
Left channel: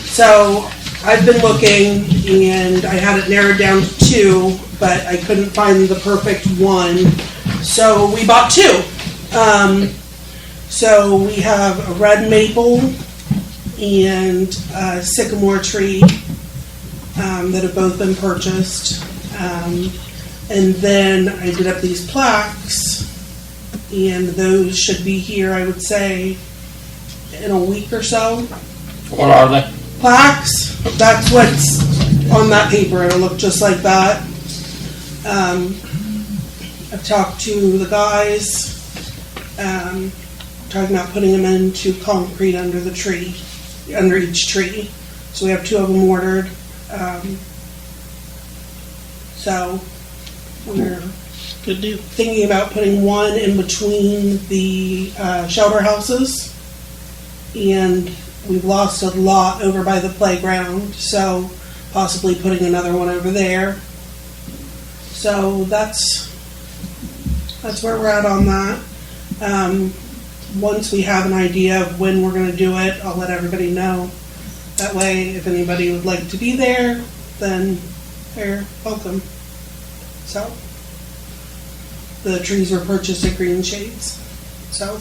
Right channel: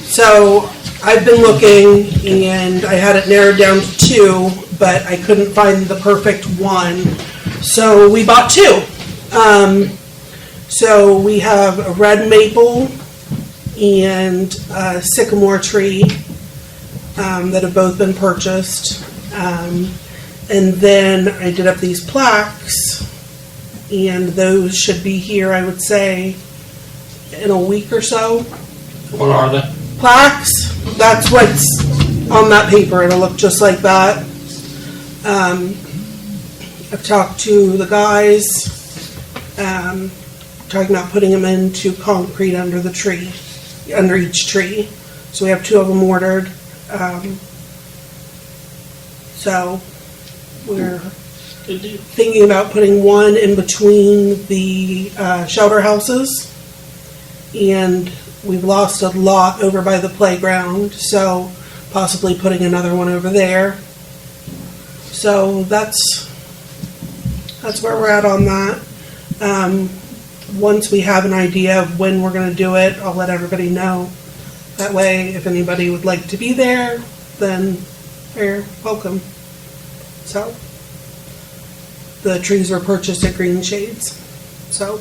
So I've been looking and I had it narrowed down to 2, but I couldn't find the perfect one. So we bought 2. So we have a red maple and a sycamore tree that have both been purchased. And then I did up these plaques, and those should be here, I would say, in a week or so. What are they? Plaques, that's what's on that paper, it'll look just like that. I've talked to the guys, talking about putting them into concrete under the tree, under each tree. So we have 2 of them ordered. So we're Good deal. thinking about putting one in between the shelter houses. And we've lost a lot over by the playground, so possibly putting another one over there. So that's where we're at on that. Once we have an idea of when we're going to do it, I'll let everybody know. That way, if anybody would like to be there, then they're welcome. So, the trees were purchased at Green Shades. So,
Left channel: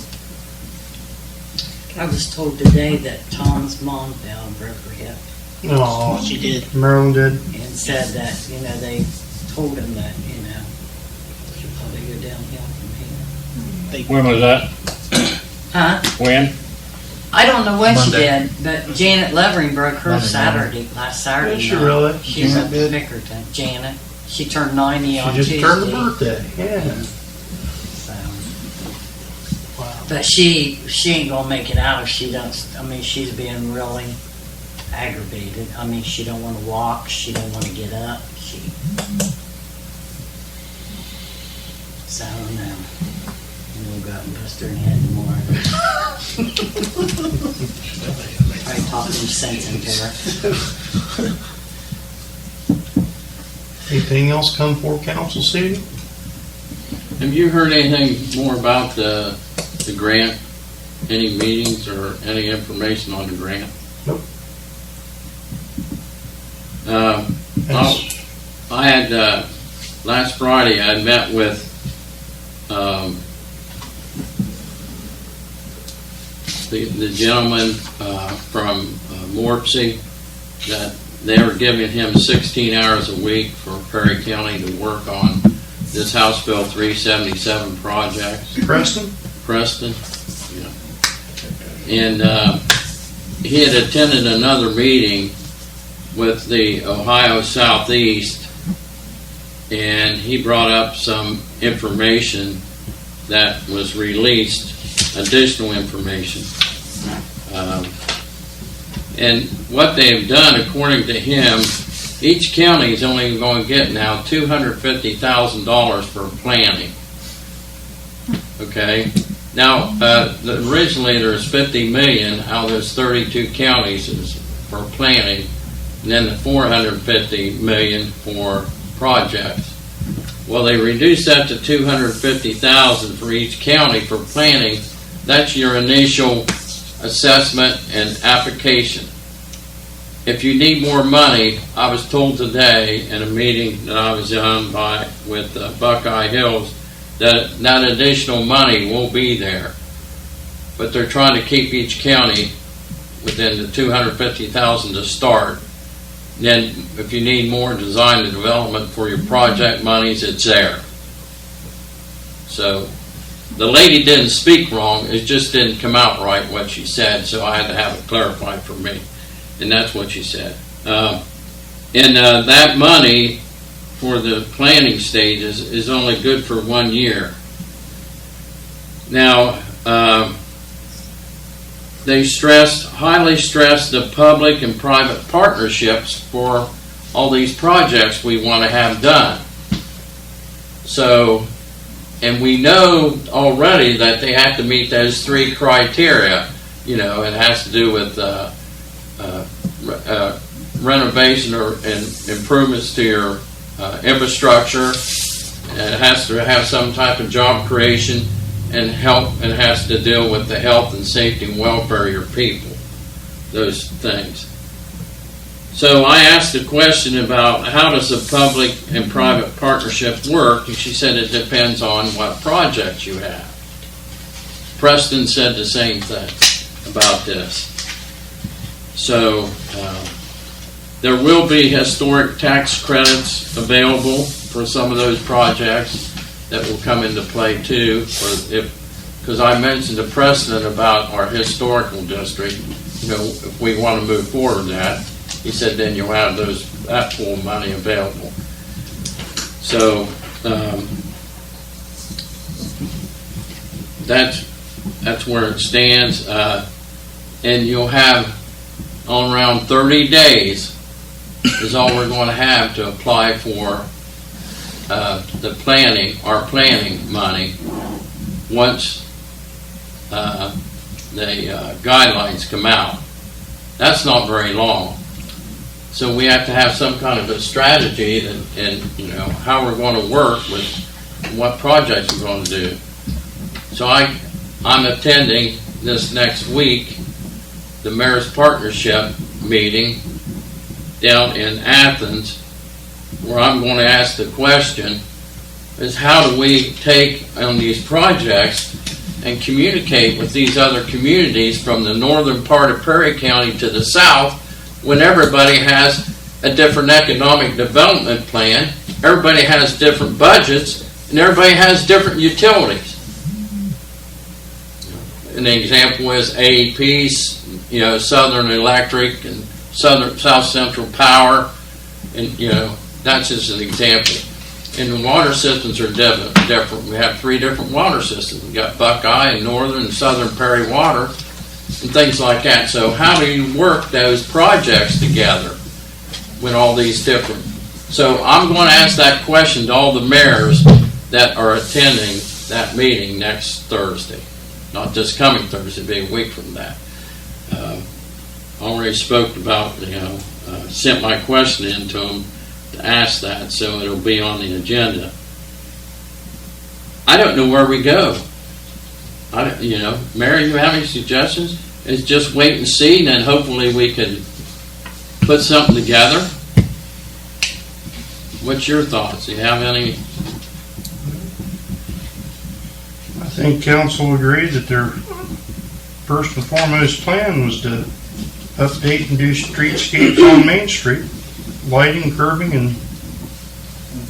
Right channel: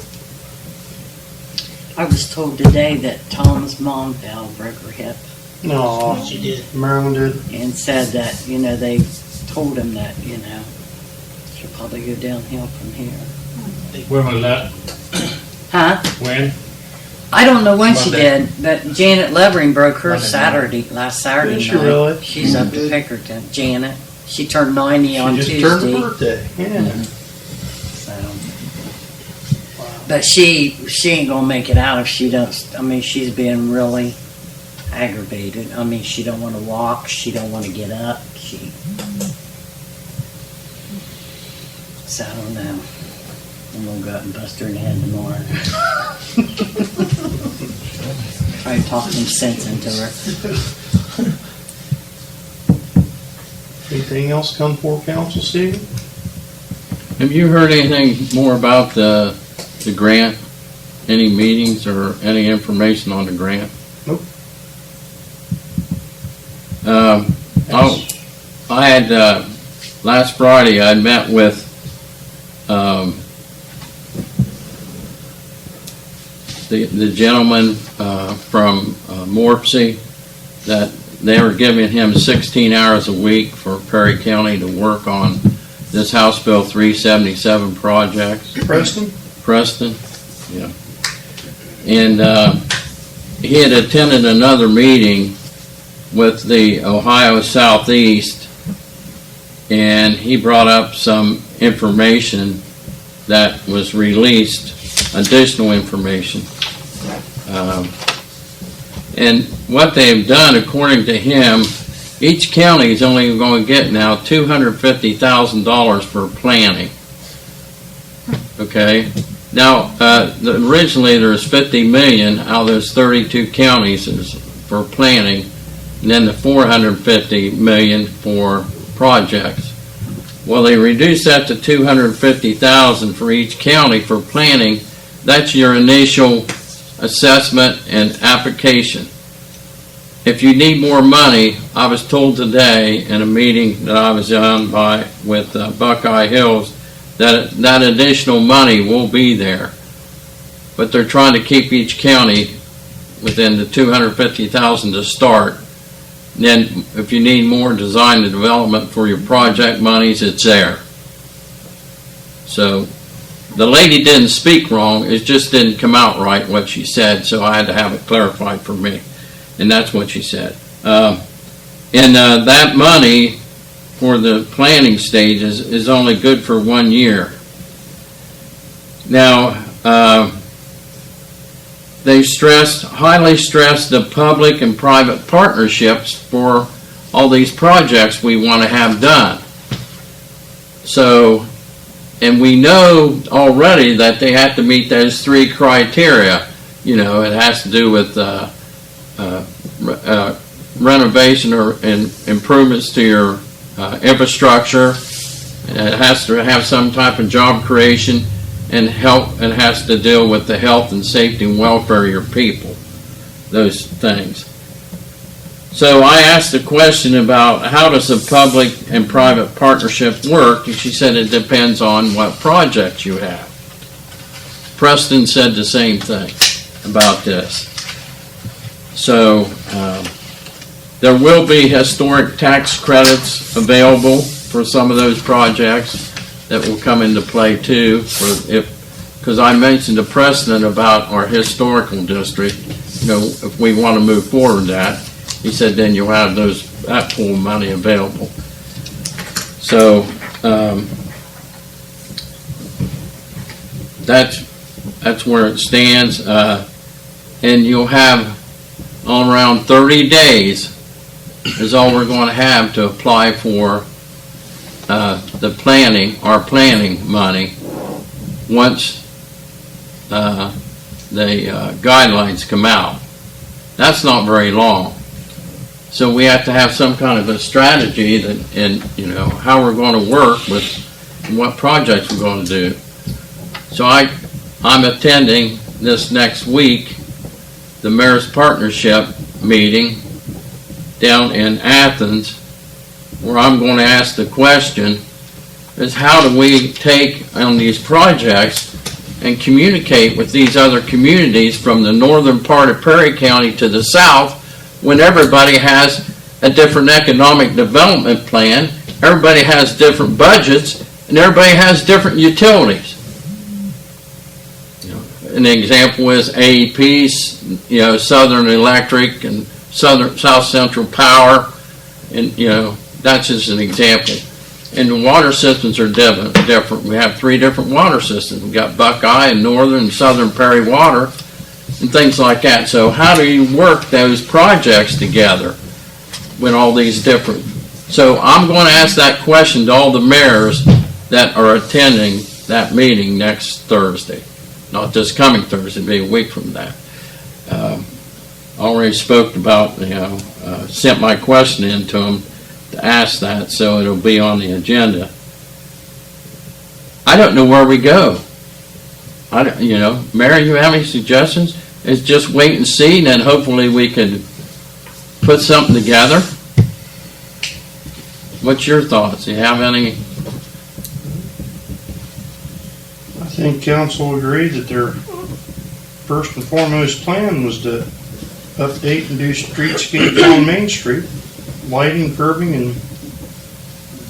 I was told today that Tom's mom fell and broke her hip No, She did. Maryland did. and said that, they told him that, she'll probably go downhill from here. When was that? Huh? When? I don't know when she Monday. did, but Janet Levering broke her Monday last Saturday. Did she night. really? She's up in Pickerton. Janet. She turned 90 on She just Tuesday. turned her birthday. Yeah. So. But she ain't gonna make it out if she does. I mean, she's being really aggravated. I mean, she don't want to walk. She don't want to get up. So I don't know. I'm gonna go out and bust her in the head tomorrow. Try to talk some sense into her. Anything else come for council, Steve? Have you heard anything more about the grant? Any meetings or any information on the grant? Nope. I had, last Friday, I met with, the gentleman, from Morpsey, that they were giving him 16 hours a week for Perry County to work on this House Bill 377 projects. Preston, yeah. And he had attended another meeting with the Ohio Southeast, and he brought up some information that was released, additional information. And what they've done, according to him, each county is only going to get now $250,000 for planning. Okay? Now, originally there was 50 million out of those 32 counties for planning, and then the 450 million for projects. Well, they reduced that to 250,000 for each county for planning. That's your initial assessment and application. If you need more money, I was told today in a meeting that I was on with Buckeye Hills that additional money will be there. But they're trying to keep each county within the 250,000 to start. Then if you need more design and development for your project monies, it's there. So the lady didn't speak wrong, it just didn't come out right what she said, so I had to have it clarified for me. And that's what she said. That money for the planning stages is only good for 1 year. Now, they highly stressed the public and private partnerships for all these projects we want to have done. So, and we know already that they have to meet those 3 criteria. You know, it has to do with renovation and improvements to your infrastructure. It has to have some type of job creation and help. It has to deal with the health and safety and welfare of your people. Those things. So I asked the question about how does the public and private partnership work, and she said it depends on what project you have. Preston said the same thing about this. So there will be historic tax credits available for some of those projects that will come into play too. Because I mentioned to Preston about our historical district, you know, if we want to move forward with that, he said then you'll have that pool money available. So that's that's where it stands. And you'll have all around 30 days is all we're going to have to apply for the planning, our planning money, once the guidelines come out. That's not very long. So we have to have some kind of a strategy that, and you know, how we're going to work with what projects we're going to do. So I'm attending this next week the Mayor's Partnership meeting down in Athens, where I'm going to ask the question is how do we take on these projects and communicate with these other communities from the northern part of Perry County to the south when everybody has a different economic development plan, everybody has different budgets, and everybody has different utilities. An example is AEP, you know, Southern Electric and South Central Power, and you know, that's just an example. And the water systems are different. We have 3 different water systems. We've got Buckeye and Northern and Southern Perry Water and things like that. So how do you work those projects together with all these different? So I'm going to ask that question to all the mayors that are attending that meeting next Thursday. Not this coming Thursday, but a week from that. Already spoke about, you know, sent my question in to them to ask that, so it'll be on the agenda. I don't know where we go. I don't, you know, Mayor, you have any suggestions? It's just wait and see, and then hopefully we can put something together. What's your thoughts? Do you have any? I think council agreed that their first and foremost plan was to update and do streetscapes on Main Street, lighting, curbing, and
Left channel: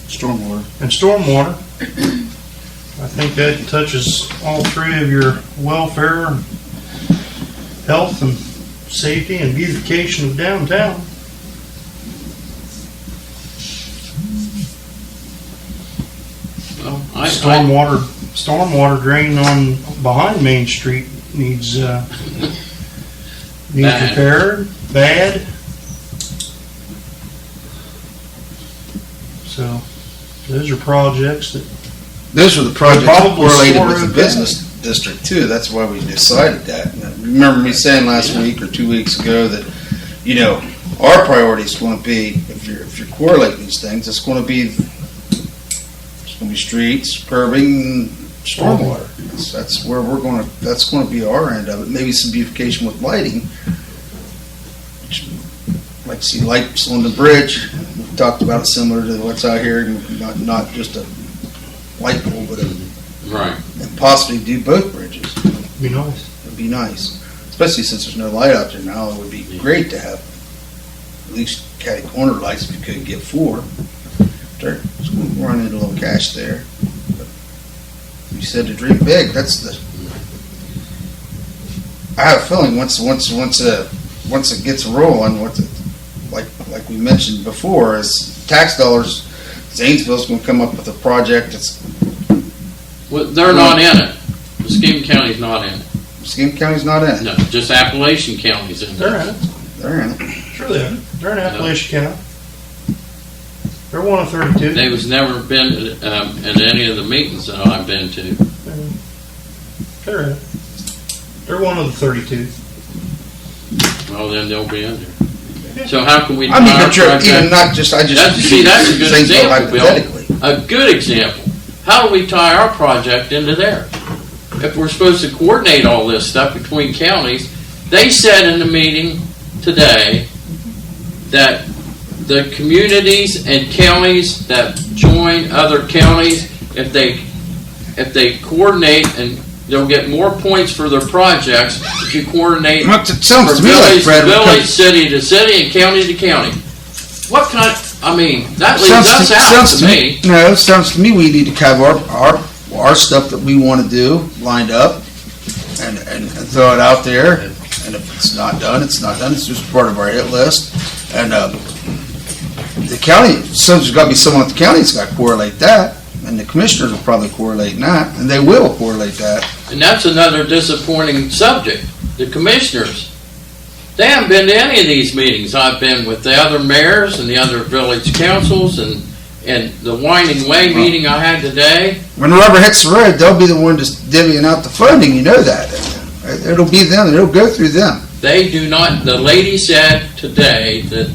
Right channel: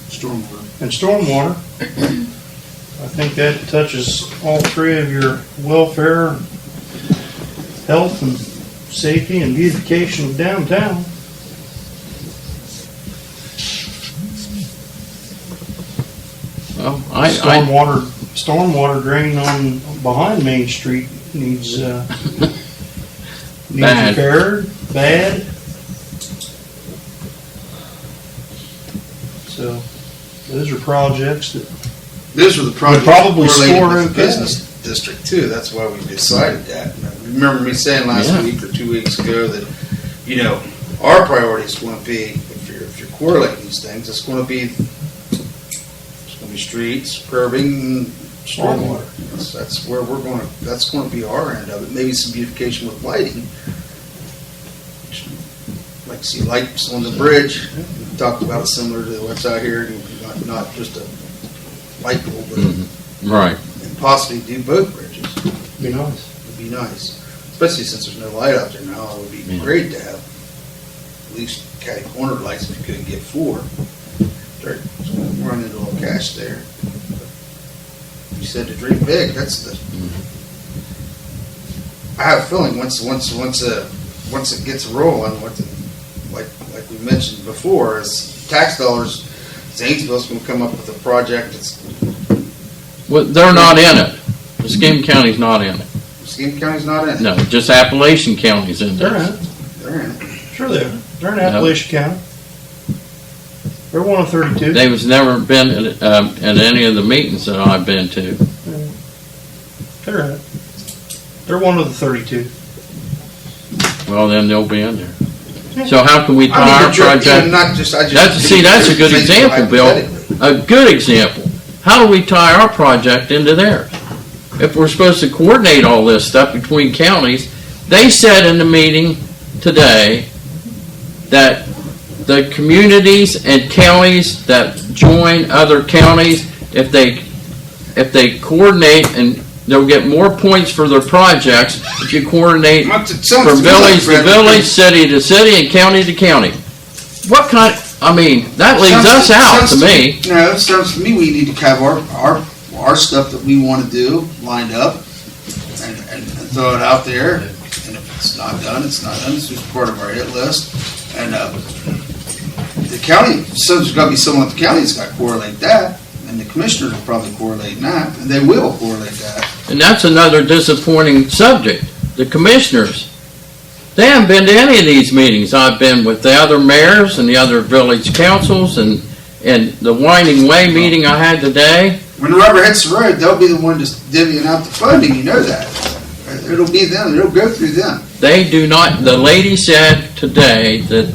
Stormwater. stormwater. I think that touches all 3 of your welfare, health, and safety, and beautification of downtown. Well, Stormwater drain on behind Main Street needs Bad. repaired, bad. So those are projects that Those are the projects probably correlated score with the okay. business district too. That's why we decided that. Remember me saying last week or 2 weeks ago that, you know, our priority is going to be, if you're correlating these things, it's going to be streets, curbing, and stormwater. That's where we're going to. That's going to be our end of it. Maybe some beautification with lighting. Like to see lights on the bridge. We talked about it similar to what's out here, not just a light pole, but right. and possibly do both bridges. be nice. It'd be nice, especially since there's no light out there now. It would be great to have at least catty corner lights if you couldn't get 4. So we're running into a little cash there. But you said to dream big. That's the. I have a feeling once it gets rolling, like we mentioned before, as tax dollars, Zanesville's going to come up with a project that's. Well, they're not in it. Muscatine County's not in it. Muscatine County's not in it. No, just Appalachian County's in They're there. in it. They're in it. Sure they are. They're in Appalachian County. They're one of 32. They was never been at any of the meetings that I've been to. They're in it. They're one of the 32. Well, then they'll be in there. So how can we tie I mean, our but you're even project? not just. That's a good Zanesville example, Bill. hypothetically. A good example. How do we tie our project into theirs? If we're supposed to coordinate all this stuff between counties, they said in the meeting today that the communities and counties that join other counties, if they coordinate, and they'll get more points for their projects if you coordinate It sounds from to me like village to Brad, village, city to city, and county to county. What kind of, I mean, that leaves us out to me. No, it sounds to me we need to have our stuff that we want to do lined up and throw it out there. And if it's not done, it's not done. It's just part of our hit list. And the county, so there's got to be someone at the county that's got to correlate that. And and the commissioners will probably correlate that, and they will correlate that. And that's another disappointing subject. The commissioners, they haven't been to any of these meetings. I've been with the other mayors and the other village councils and the Winding Way meeting I had today. When the rubber hits the road, they'll be the one just divvying out the funding, you know that. It'll be them, it'll go through them. They do not, the lady said today that,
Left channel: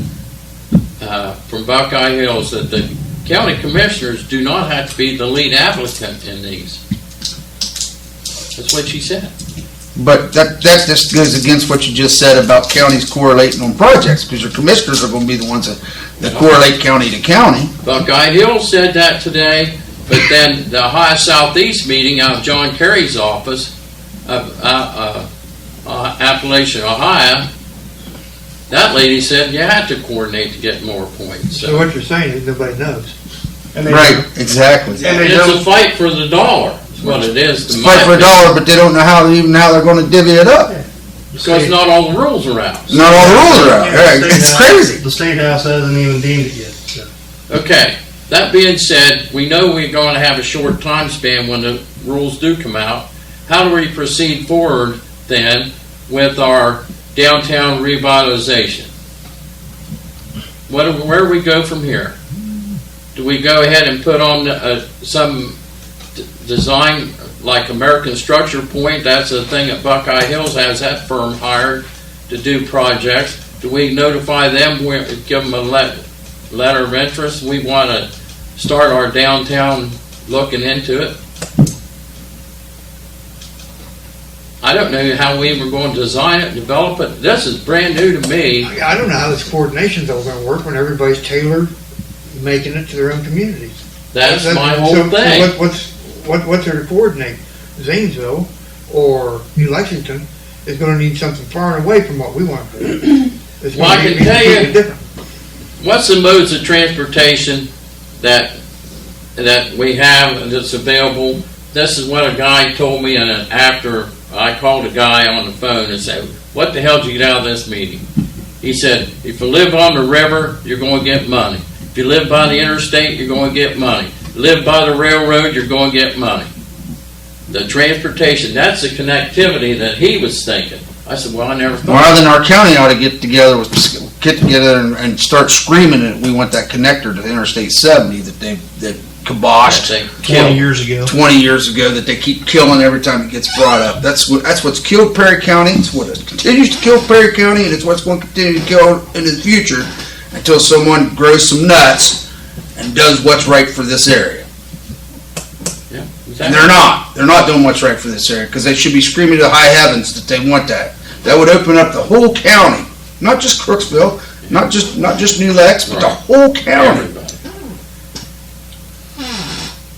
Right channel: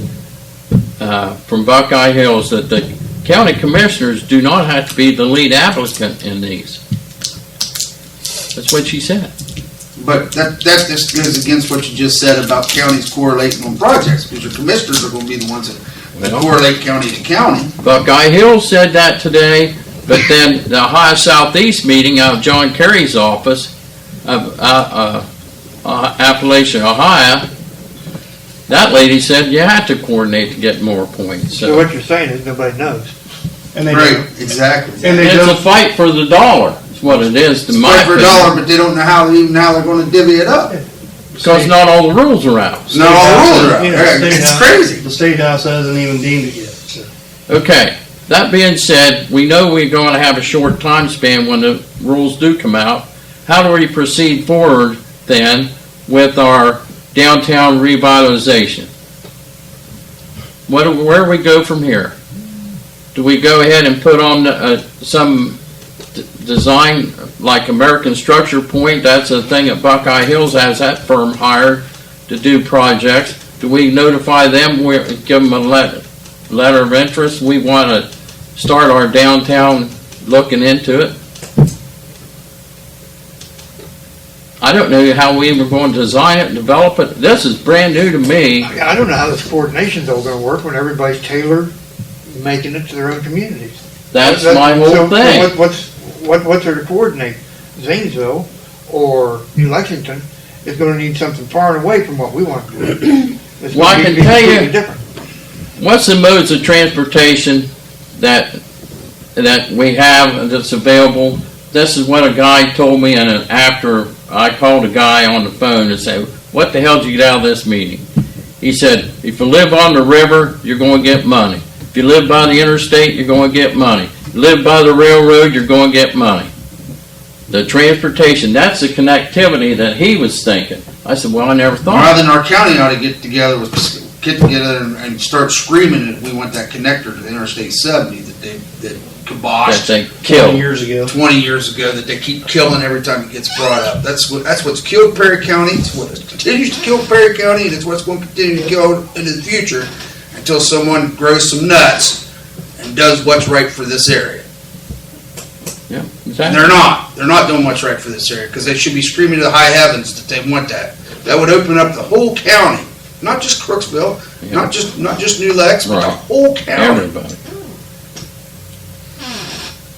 from Buckeye Hills, that the county commissioners do not have to be the lead applicant in these. That's what she said. But that just goes against what you just said about counties correlating on projects, because your commissioners are gonna be the ones that correlate county to county. Buckeye Hills said that today, but then the Ohio Southeast meeting out of John Kerry's office of Appalachian, Ohio, that lady said you had to coordinate to get more points. So what you're saying is nobody knows. And they Right, exactly. And they It's a don't, fight for the dollar, is what it is to It's my fight for a opinion. dollar, but they don't know how they're gonna divvy it up. Because not all the rules are out. Not all the rules are out. you know, Right, State it's House- crazy. The State House hasn't even deemed it yet, so. Okay, that being said, we know we're going to have a short time span when the rules do come out. How do we proceed forward then with our downtown revitalization? Where do we go from here? Do we go ahead and put on some design like American Structure Point? That's the thing that Buckeye Hills has that firm hired to do projects. Do we notify them, give them a letter of interest? We want to start our downtown looking into it. I don't know how we were going to design it, develop it. This is brand new to me. I don't know how this coordination's all gonna work when everybody's tailored, making it to their own communities. That's my whole So thing. what's there to coordinate? Zanesville or New Lexington is gonna need something far and away from what we want to do. It's Well, I gonna be can tell you- completely different. What's the modes of transportation that we have that's available? This is what a guy told me, and after I called a guy on the phone and said, "What the hell did you get out of this meeting?" He said, "If you live on the river, you're going to get money. If you live by the interstate, you're going to get money. Live by the railroad, you're going to get money." The transportation, that's the connectivity that he was thinking. I said, well, I never thought. Well, then our county ought to get together and start screaming that we want that connector to Interstate 70 that kiboshed They 20 killed. years ago. 20 years ago, that they keep killing every time it gets brought up. That's what's killed Perry County. It's what continues to kill Perry County, and it's what's going to continue to kill into the future until someone grows some nuts and does what's right for this area. Yeah, And exactly. they're not doing what's right for this area, because they should be screaming to the high heavens that they want that. That would open up the whole county, not just Crooksville, not just New Lex, but the Right. whole county. Everybody.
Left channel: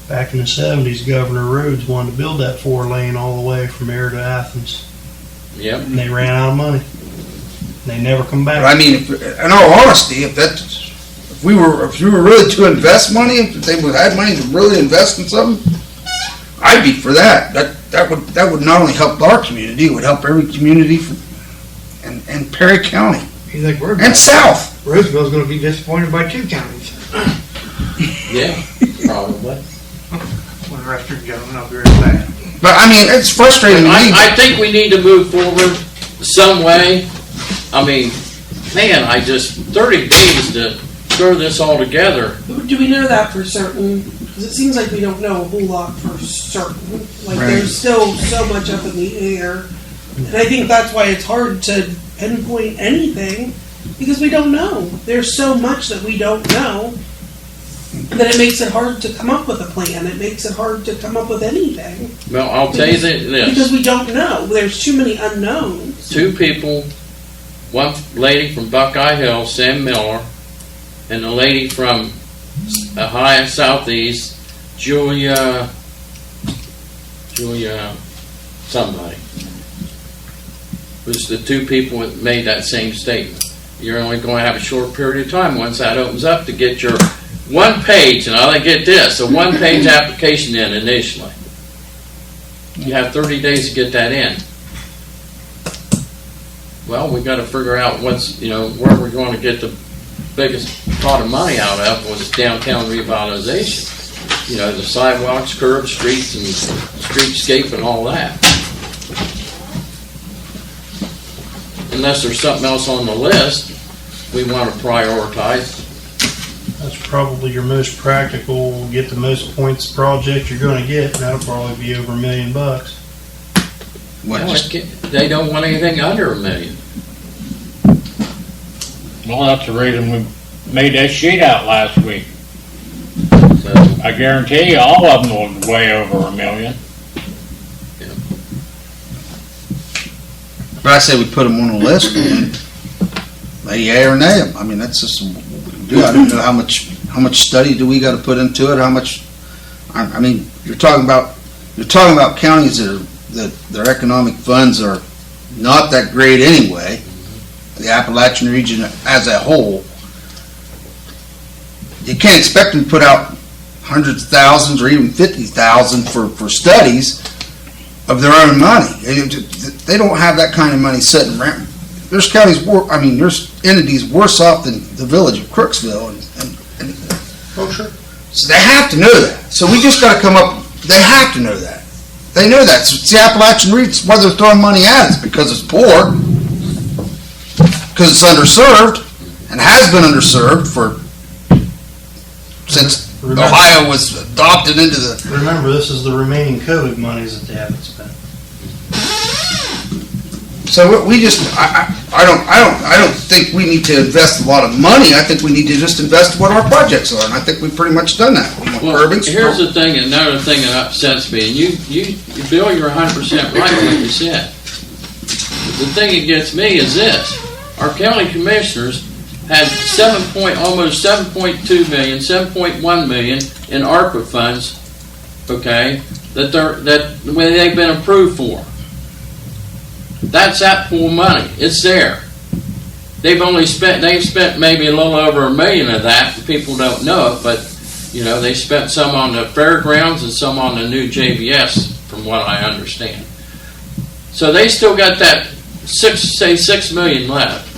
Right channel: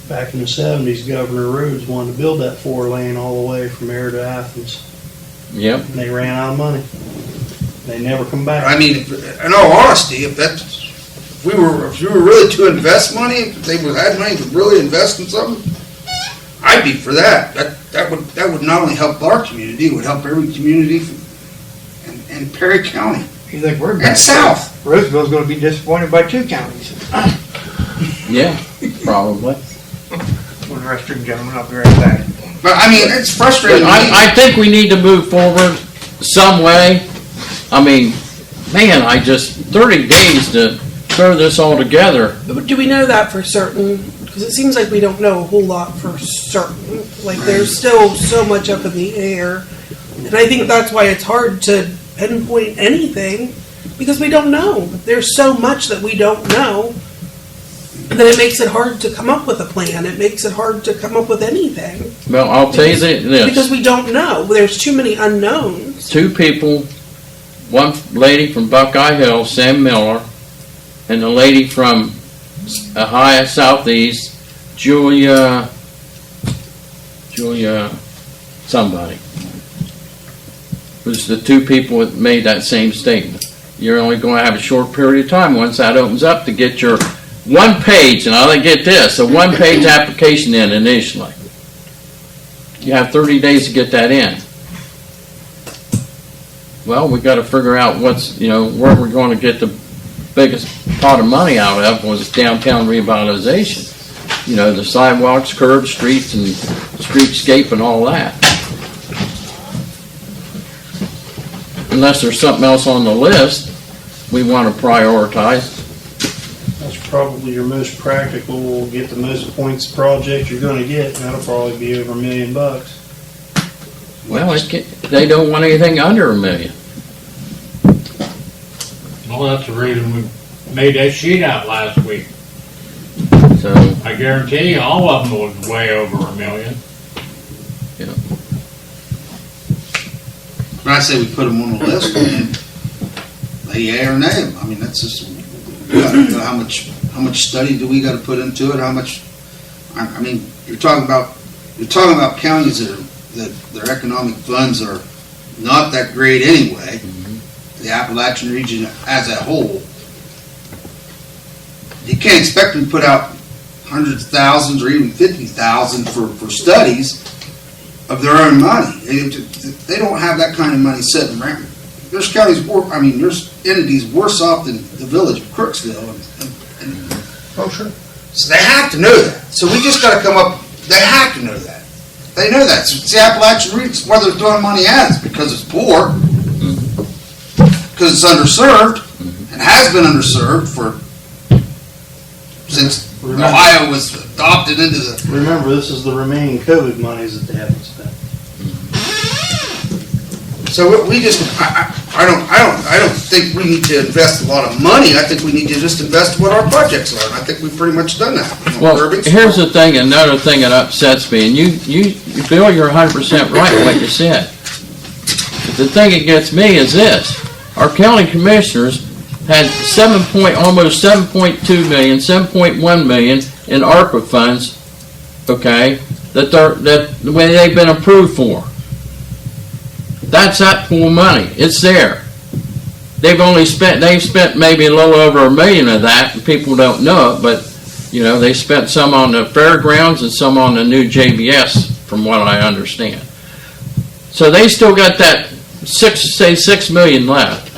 Back in the 70s, Governor Rhodes wanted to build that 4-lane all the way from Air to Athens. Yep. And they ran out of money. They never come back. I mean, in all honesty, if we were really to invest money, if they would have money to really invest in something, I'd be for that. That would not only help our community, it would help every community in Perry County You think we're and bad? south. Roseville's gonna be disappointed by 2 counties. Yeah, probably. One restroom, gentlemen, I'll be right back. But I mean, it's frustrating. I think we need to move forward some way. I mean, man, 30 days to throw this all together. But do we know that for certain? Because it seems like we don't know a whole lot for certain. Like Right. there's still so much up in the air. And I think that's why it's hard to pinpoint anything, because we don't know. There's so much that we don't know that it makes it hard to come up with a plan. It makes it hard to come up with anything. Well, I'll tell you Because this. we don't know. There's too many unknowns. 2 people, one lady from Buckeye Hill, Sam Miller, and the lady from Ohio Southeast, Julia somebody. Was the 2 people that made that same statement. You're only going to have a short period of time once that opens up to get your 1 page, and I'll get this, a 1-page application in initially. You have 30 days to get that in. Well, we got to figure out where we're going to get the biggest pot of money out of was downtown revitalization. you know, the sidewalks, curbs, streets, and streetscape and all that. Unless there's something else on the list we want to prioritize. That's probably your most practical, get the most points project you're gonna get, and that'll probably be over $1 million. Well, they don't want anything under $1 million. Well, that's the reason we made that sheet out last week. So, I guarantee you, all of them was way over $1 million. But I say we put them on the list, and they yea or nay 'em. I mean, that's just, we gotta know how much study do we gotta put into it, how much, I mean, you're talking about counties that their economic funds are not that great anyway, the Appalachian region as a whole. You can't expect them to put out hundreds of thousands or even 50,000 for studies of their own money. They don't have that kind of money sitting around. There's counties, there's entities worse off than the village of Crooksville. Oh, sure. So they have to know that. So we just gotta come up, they have to know that. They know that. So it's the Appalachian region, why they're throwing money at us, because it's poor, because it's underserved, and has been underserved since Ohio was adopted into the. Remember, this is the remaining COVID monies that they haven't spent. So we just, I don't think we need to invest a lot of money. I think we need to just invest what our projects are, and I think we've pretty much done that. well, here's the thing, another thing that upsets me, and Bill, you're 100% right what you said. The thing that gets me is this: our county commissioners had almost 7.2 million, 7.1 million in ARPA funds, okay, that they've been approved for. That's that pool of money. It's there. They've spent maybe a little over $1 million of that. People don't know it, but you know, they spent some on the fairgrounds and some on the new JBS, from what I understand. So they still got that $6 million left.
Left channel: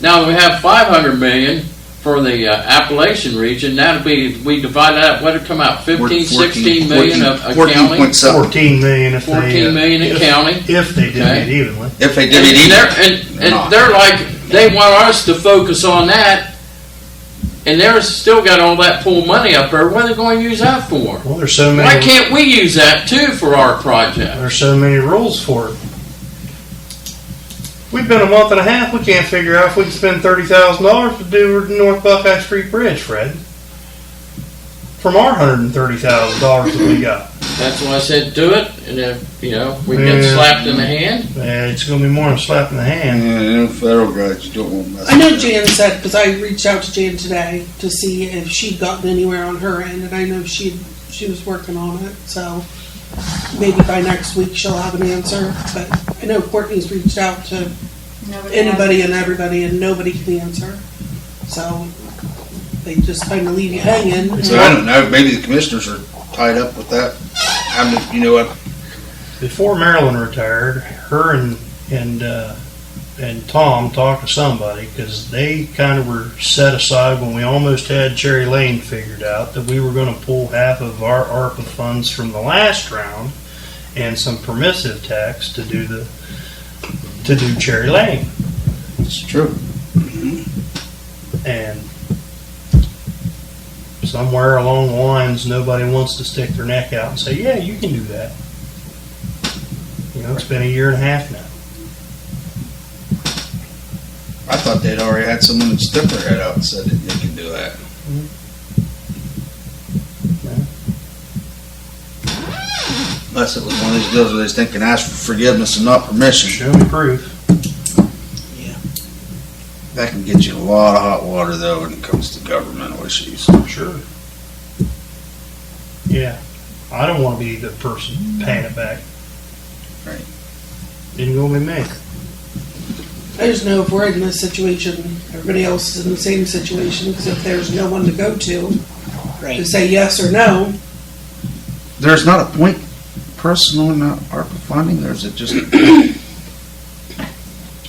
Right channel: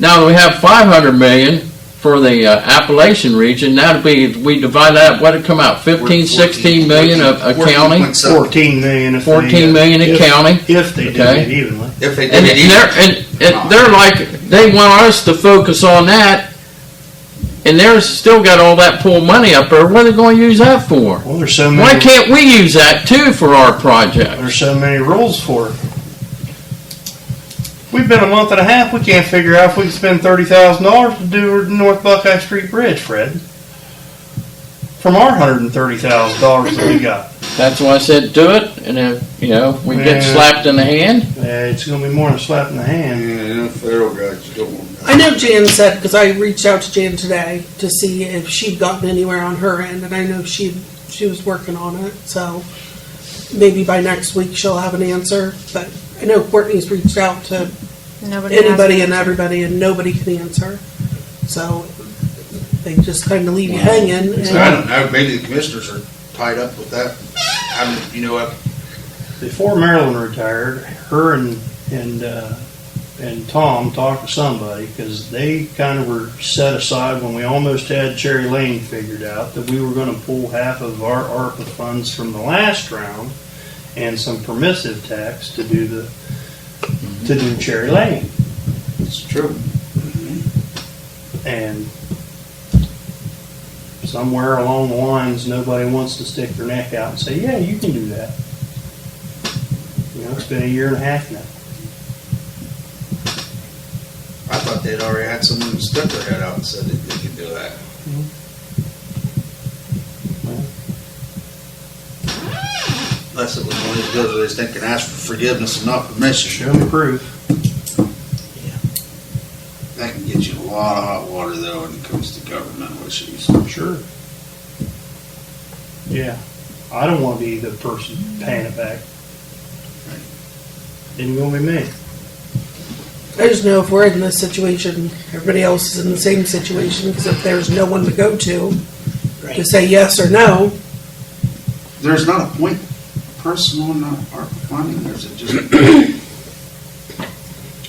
Now we have $500 million for the Appalachian region. That'll be, if we divide that up, what'd it come out? 16 million of a county? 14 million if 14 million a county. If they did it evenly. If they did it evenly. And they're like, they want us to focus on that, and they're still got all that pool money up there. What are they going to use that for? Well, there's so many. Why can't we use that too for our project? There's so many rules for it. We've been a month and a half. We can't figure out if we can spend $30,000 to do the North Buckeye Street Bridge, Fred. From our $130,000 that we got. That's why I said do it, and if we get slapped in the hand. It's going to be more than a slap in the hand. Yeah, federal guys don't want that. I know Jan said, because I reached out to Jan today to see if she'd gotten anywhere on her end, and I know she was working on it, so maybe by next week she'll have an answer. But I know Courtney's reached out to anybody and everybody, and nobody can answer. So they just kind of leave you hanging. So I don't know, maybe the commissioners are tied up with that. I mean, you know what? Before Marilyn retired, her and Tom talked to somebody, because they kind of were set aside when we almost had Cherry Lane figured out, that we were going to pull half of our ARPA funds from the last round and some permissive tax to do Cherry Lane. It's true. And somewhere along the lines, nobody wants to stick their neck out and say, yeah, you can do that. You know, it's been 1.5 years now. I thought they'd already had someone that stuck their head out and said that they could do that. Unless it was one of these deals where they can ask for forgiveness and not permission. Show me proof. That can get you a lot of hot water, though, when it comes to governmental issues. Sure. Yeah. I don't want to be the person paying it back. Right. Didn't go with me. I just know if we're in this situation, everybody else is in the same situation, because if there's no one to go to say yes or no. There's not a point person on that ARPA funding, or is it just?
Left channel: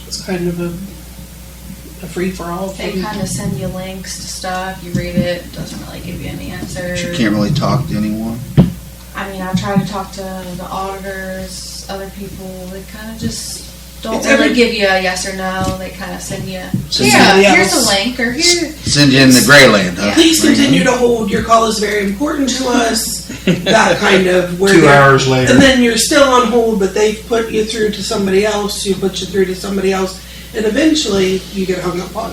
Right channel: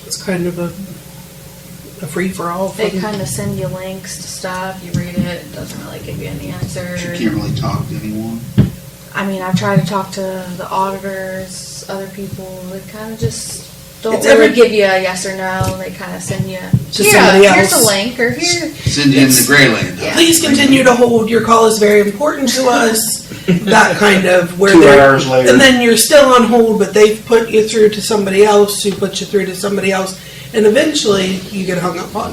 It's kind of a a free-for-all. They kind of send you links to stuff, you read it, it doesn't really give you any answers. You can't really talk to anyone. I mean, I've tried to talk to the auditors, other people, they kind of just don't It's really every- give you a yes or no, they kind of send you, Send yeah, somebody here's a else. link, or here. Send you in the gray land, huh? Please continue to hold, your call is very important to us, that kind of, where 2 they're, hours later. and then you're still on hold, but they've put you through to somebody else, who puts you through to somebody else, and eventually you get hung up on.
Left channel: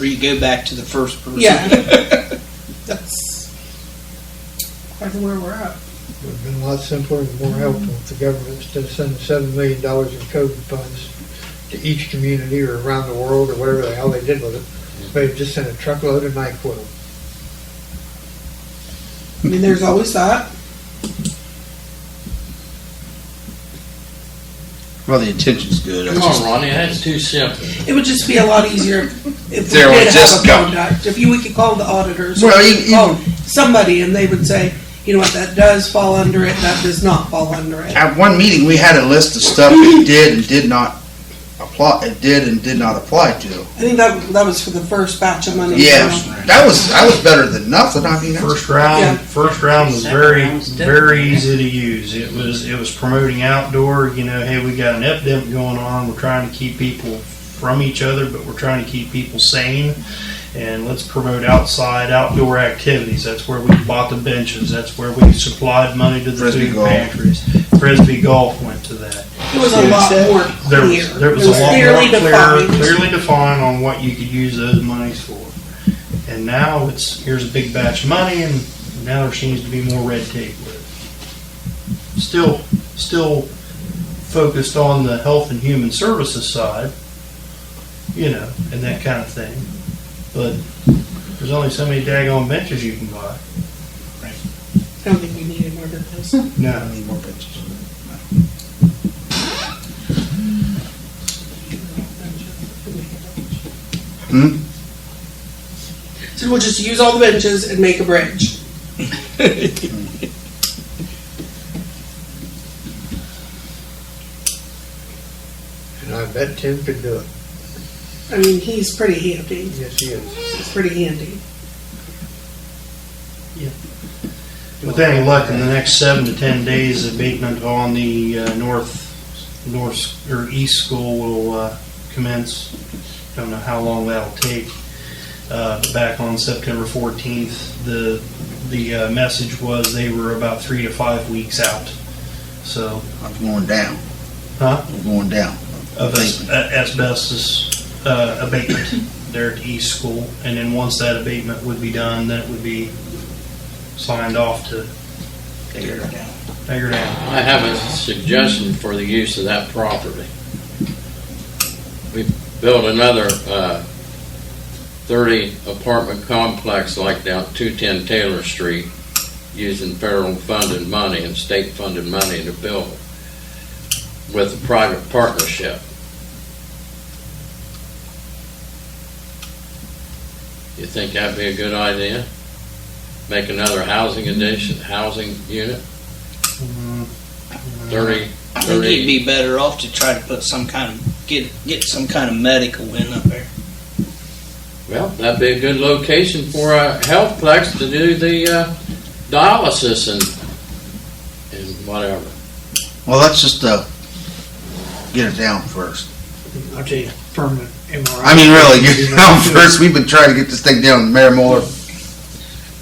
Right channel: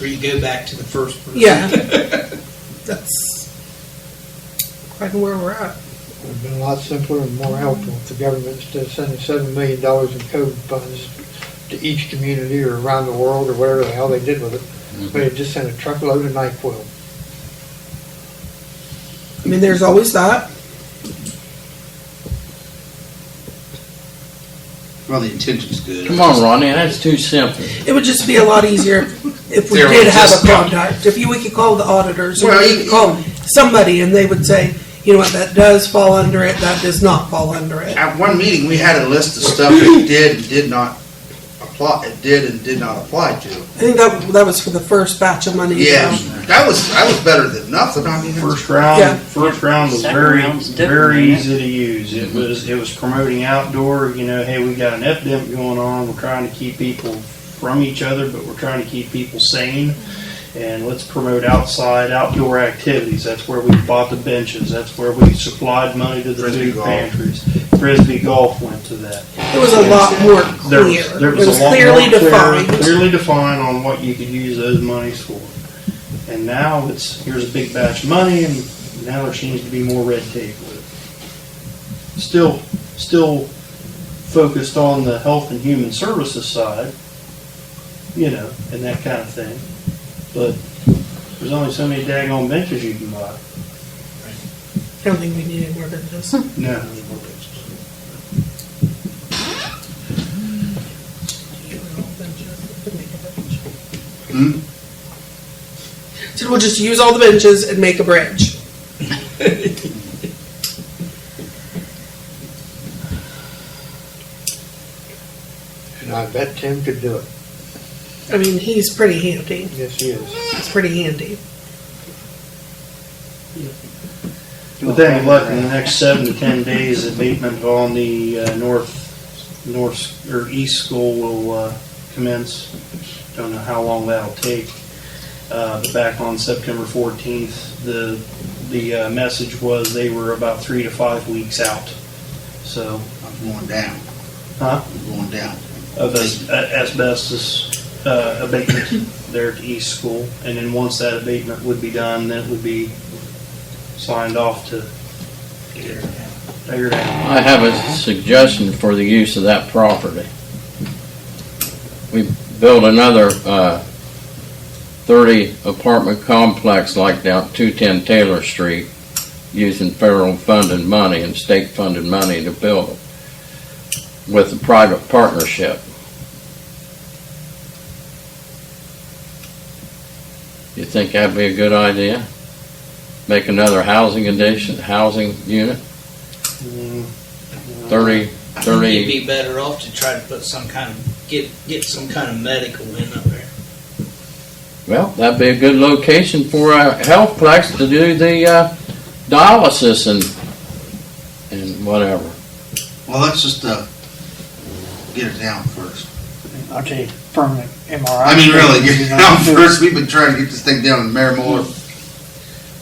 Or you go back to the first person. Yeah. That's quite where we're at. It would have been a lot simpler and more helpful if the government, instead of sending $7 million in COVID funds to each community or around the world or whatever the hell they did with it, they just sent a truckload of NyQuil. I mean, there's always that. Well, the intention's good. Come on, Ronnie, that's too simple. It would just be a lot easier if we There did was have just a contact. If we could call the auditors, or Well, we you- could call somebody, and they would say, you know what, that does fall under it, that does not fall under it. At one meeting, we had a list of stuff it did and did not apply, it did and did not apply to. I think that was for the first batch of money. Yeah, that was better than nothing, I mean, First Yeah. round was Second very, round's different, very isn't easy to use. It was promoting outdoor, hey, we got an epidemic going on, we're trying to keep people from each other, but we're trying to keep people sane. And let's promote outdoor activities. That's where we bought the benches. That's where we supplied money to the Frisbee food golf. pantries. Frisbee golf went to that. It was a lot more There clear. there It was a was lot clearly more defined. clearly defined on what you could use those monies for. And now here's a big batch of money, and now there seems to be more red tape with it. Still focused on the health and human services side, and that kind of thing. But there's only so many daggone benches you can buy. I don't think we needed more than this. No. more pictures. Hmm? So we'll just use all the benches and make a bridge. And I bet Tim could do it. I mean, he's pretty handy. Yes, he is. He's pretty handy. With any luck, in the next 7 to 10 days, abatement on the north or east school will commence. Don't know how long that'll take. But back on September 14th, the message was they were about 3 to 5 weeks out. So, I'm going down. huh? I'm going down. Of asbestos abatement there at East School, and then once that abatement would be done, then it would be signed off to Figure it out. figure it out. I have a suggestion for the use of that property. We built another 30 apartment complex like down 210 Taylor Street using federal funded money and state funded money to build it with a private partnership. You think that'd be a good idea? Make another housing unit? Mm, 30, I think you'd 30, be better off to try to put some kind of, get some kind of medical in up there. well, that'd be a good location for a health plex to do the dialysis and whatever. Well, let's just, get it down first. I'll tell you, permanent MRI. I mean, really, get it down first. We've been trying to get this thing down. Mayor Mueller,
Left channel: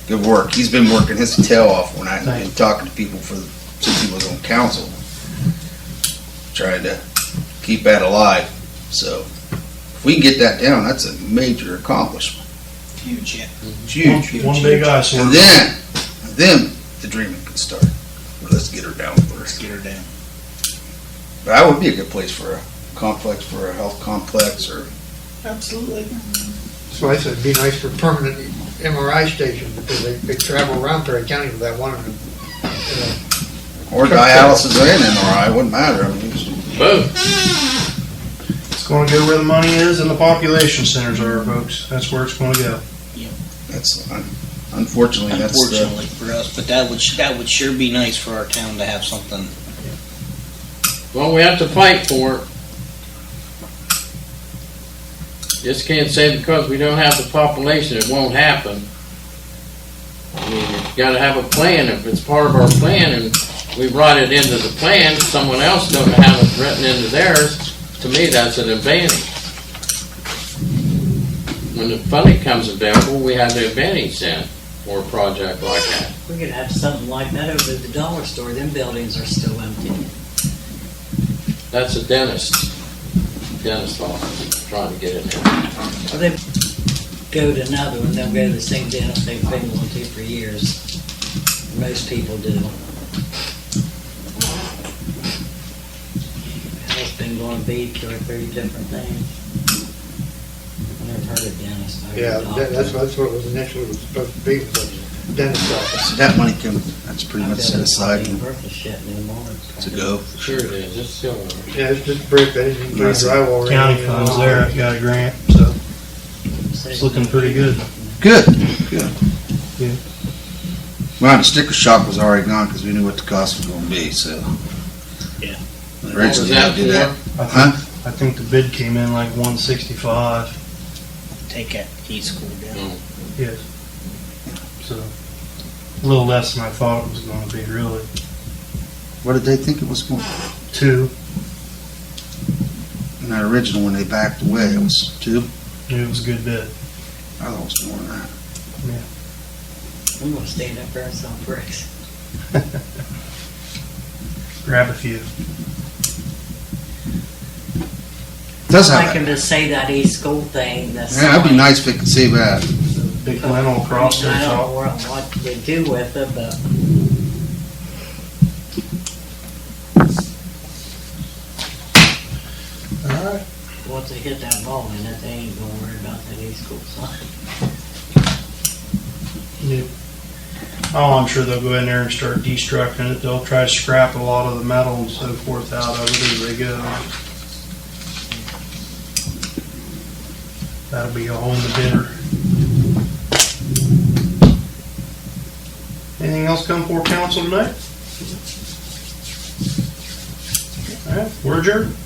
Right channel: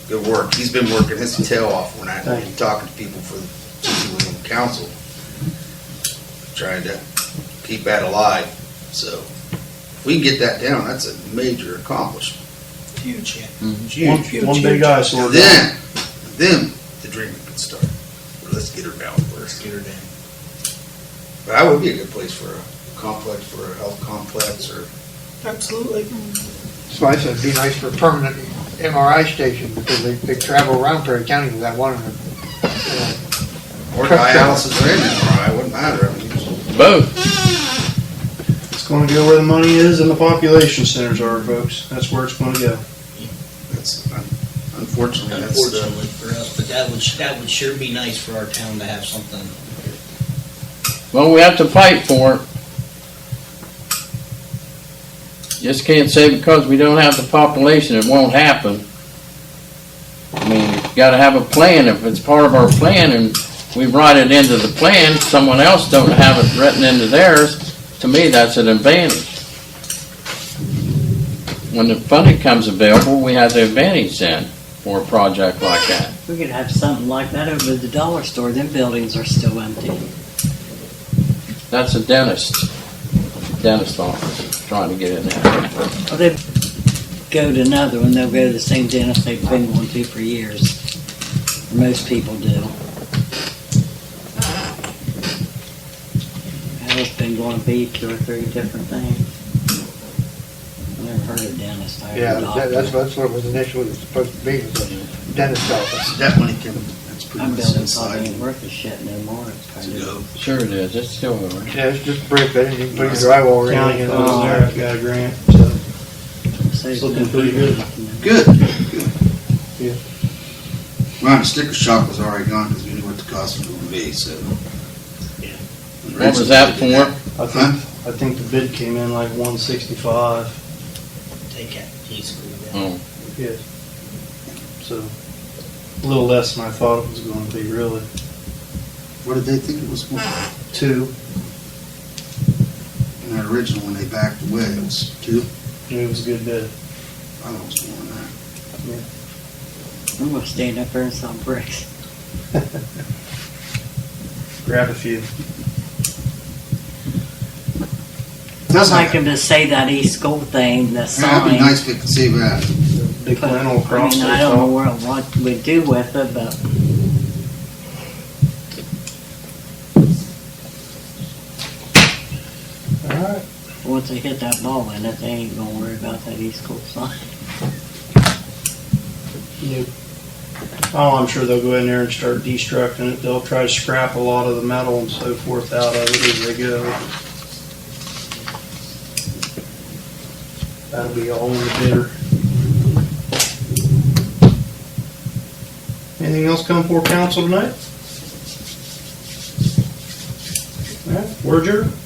good work. He's been working his tail off when I've been talking to people since he was on council. Trying to keep that alive. So, if we can get that down, that's a major accomplishment. Huge. Huge. one big eyesore. And then the dreaming can start. Well, let's get her down first. Get her down. But that would be a good place for a complex, for a health complex, or Absolutely. So I said it'd be nice for a permanent MRI station because they travel around Perry County with that one. or dialysis and MRI. It wouldn't matter. I mean, Both. It's going to go where the money is and the population centers are, folks. That's where it's going to go. that's unfortunately Unfortunately for us, but that would sure be nice for our town to have something. Well, we have to fight for it. just can't say because we don't have the population, it won't happen. I mean, you gotta have a plan. If it's part of our plan and we write it into the plan, someone else don't have it written into theirs, to me, that's an advantage. When the funding comes available, we have the advantage then for a project like that. We could have something like that over at the dollar store. Them buildings are still empty. That's a dentist office, trying to get in there. Well, they go to another one, they'll go to the same dentist they've been going to for years. Most people do. Al's been going to be 2 or 3 different things. I never heard of dentist. I heard Yeah, doctor. that's what it was initially supposed to be, was a dentist office. So that money can, that's pretty My much set building's probably aside ain't worth a shit anymore. It's to kinda- go. Sure it is, it's still over. Yeah, it's just brick, they didn't even put any drywall or County anything. funds there, got a grant, so it's looking pretty good. Good, good. Yeah. Well, the sticker shock was already gone because we knew what the cost was gonna be, so. Yeah. What was that for? I think the bid came in like 165. Take that T school down. Oh, Yes. So, a little less than I thought it was gonna be, really. What did they think it was for? 2, In the original, when they backed away, it was 2. it was a good bid. I thought it was more than that. I'm gonna stand up there and sell bricks. Grab a few. Doesn't I can just say that East School thing, the Yeah, sign. that'd be nice if we could see that. Big lint across I mean, there. I don't know so- what we do with it, but Alright. once they hit that ball in it, they ain't gonna worry about that East School sign. Yep. Oh, I'm sure they'll go in there and start destructing it. They'll try to scrap a lot of the metal and so forth out of it as they go. That'll be all in the bidder. Anything else come before council tonight? All right, we're adjourned.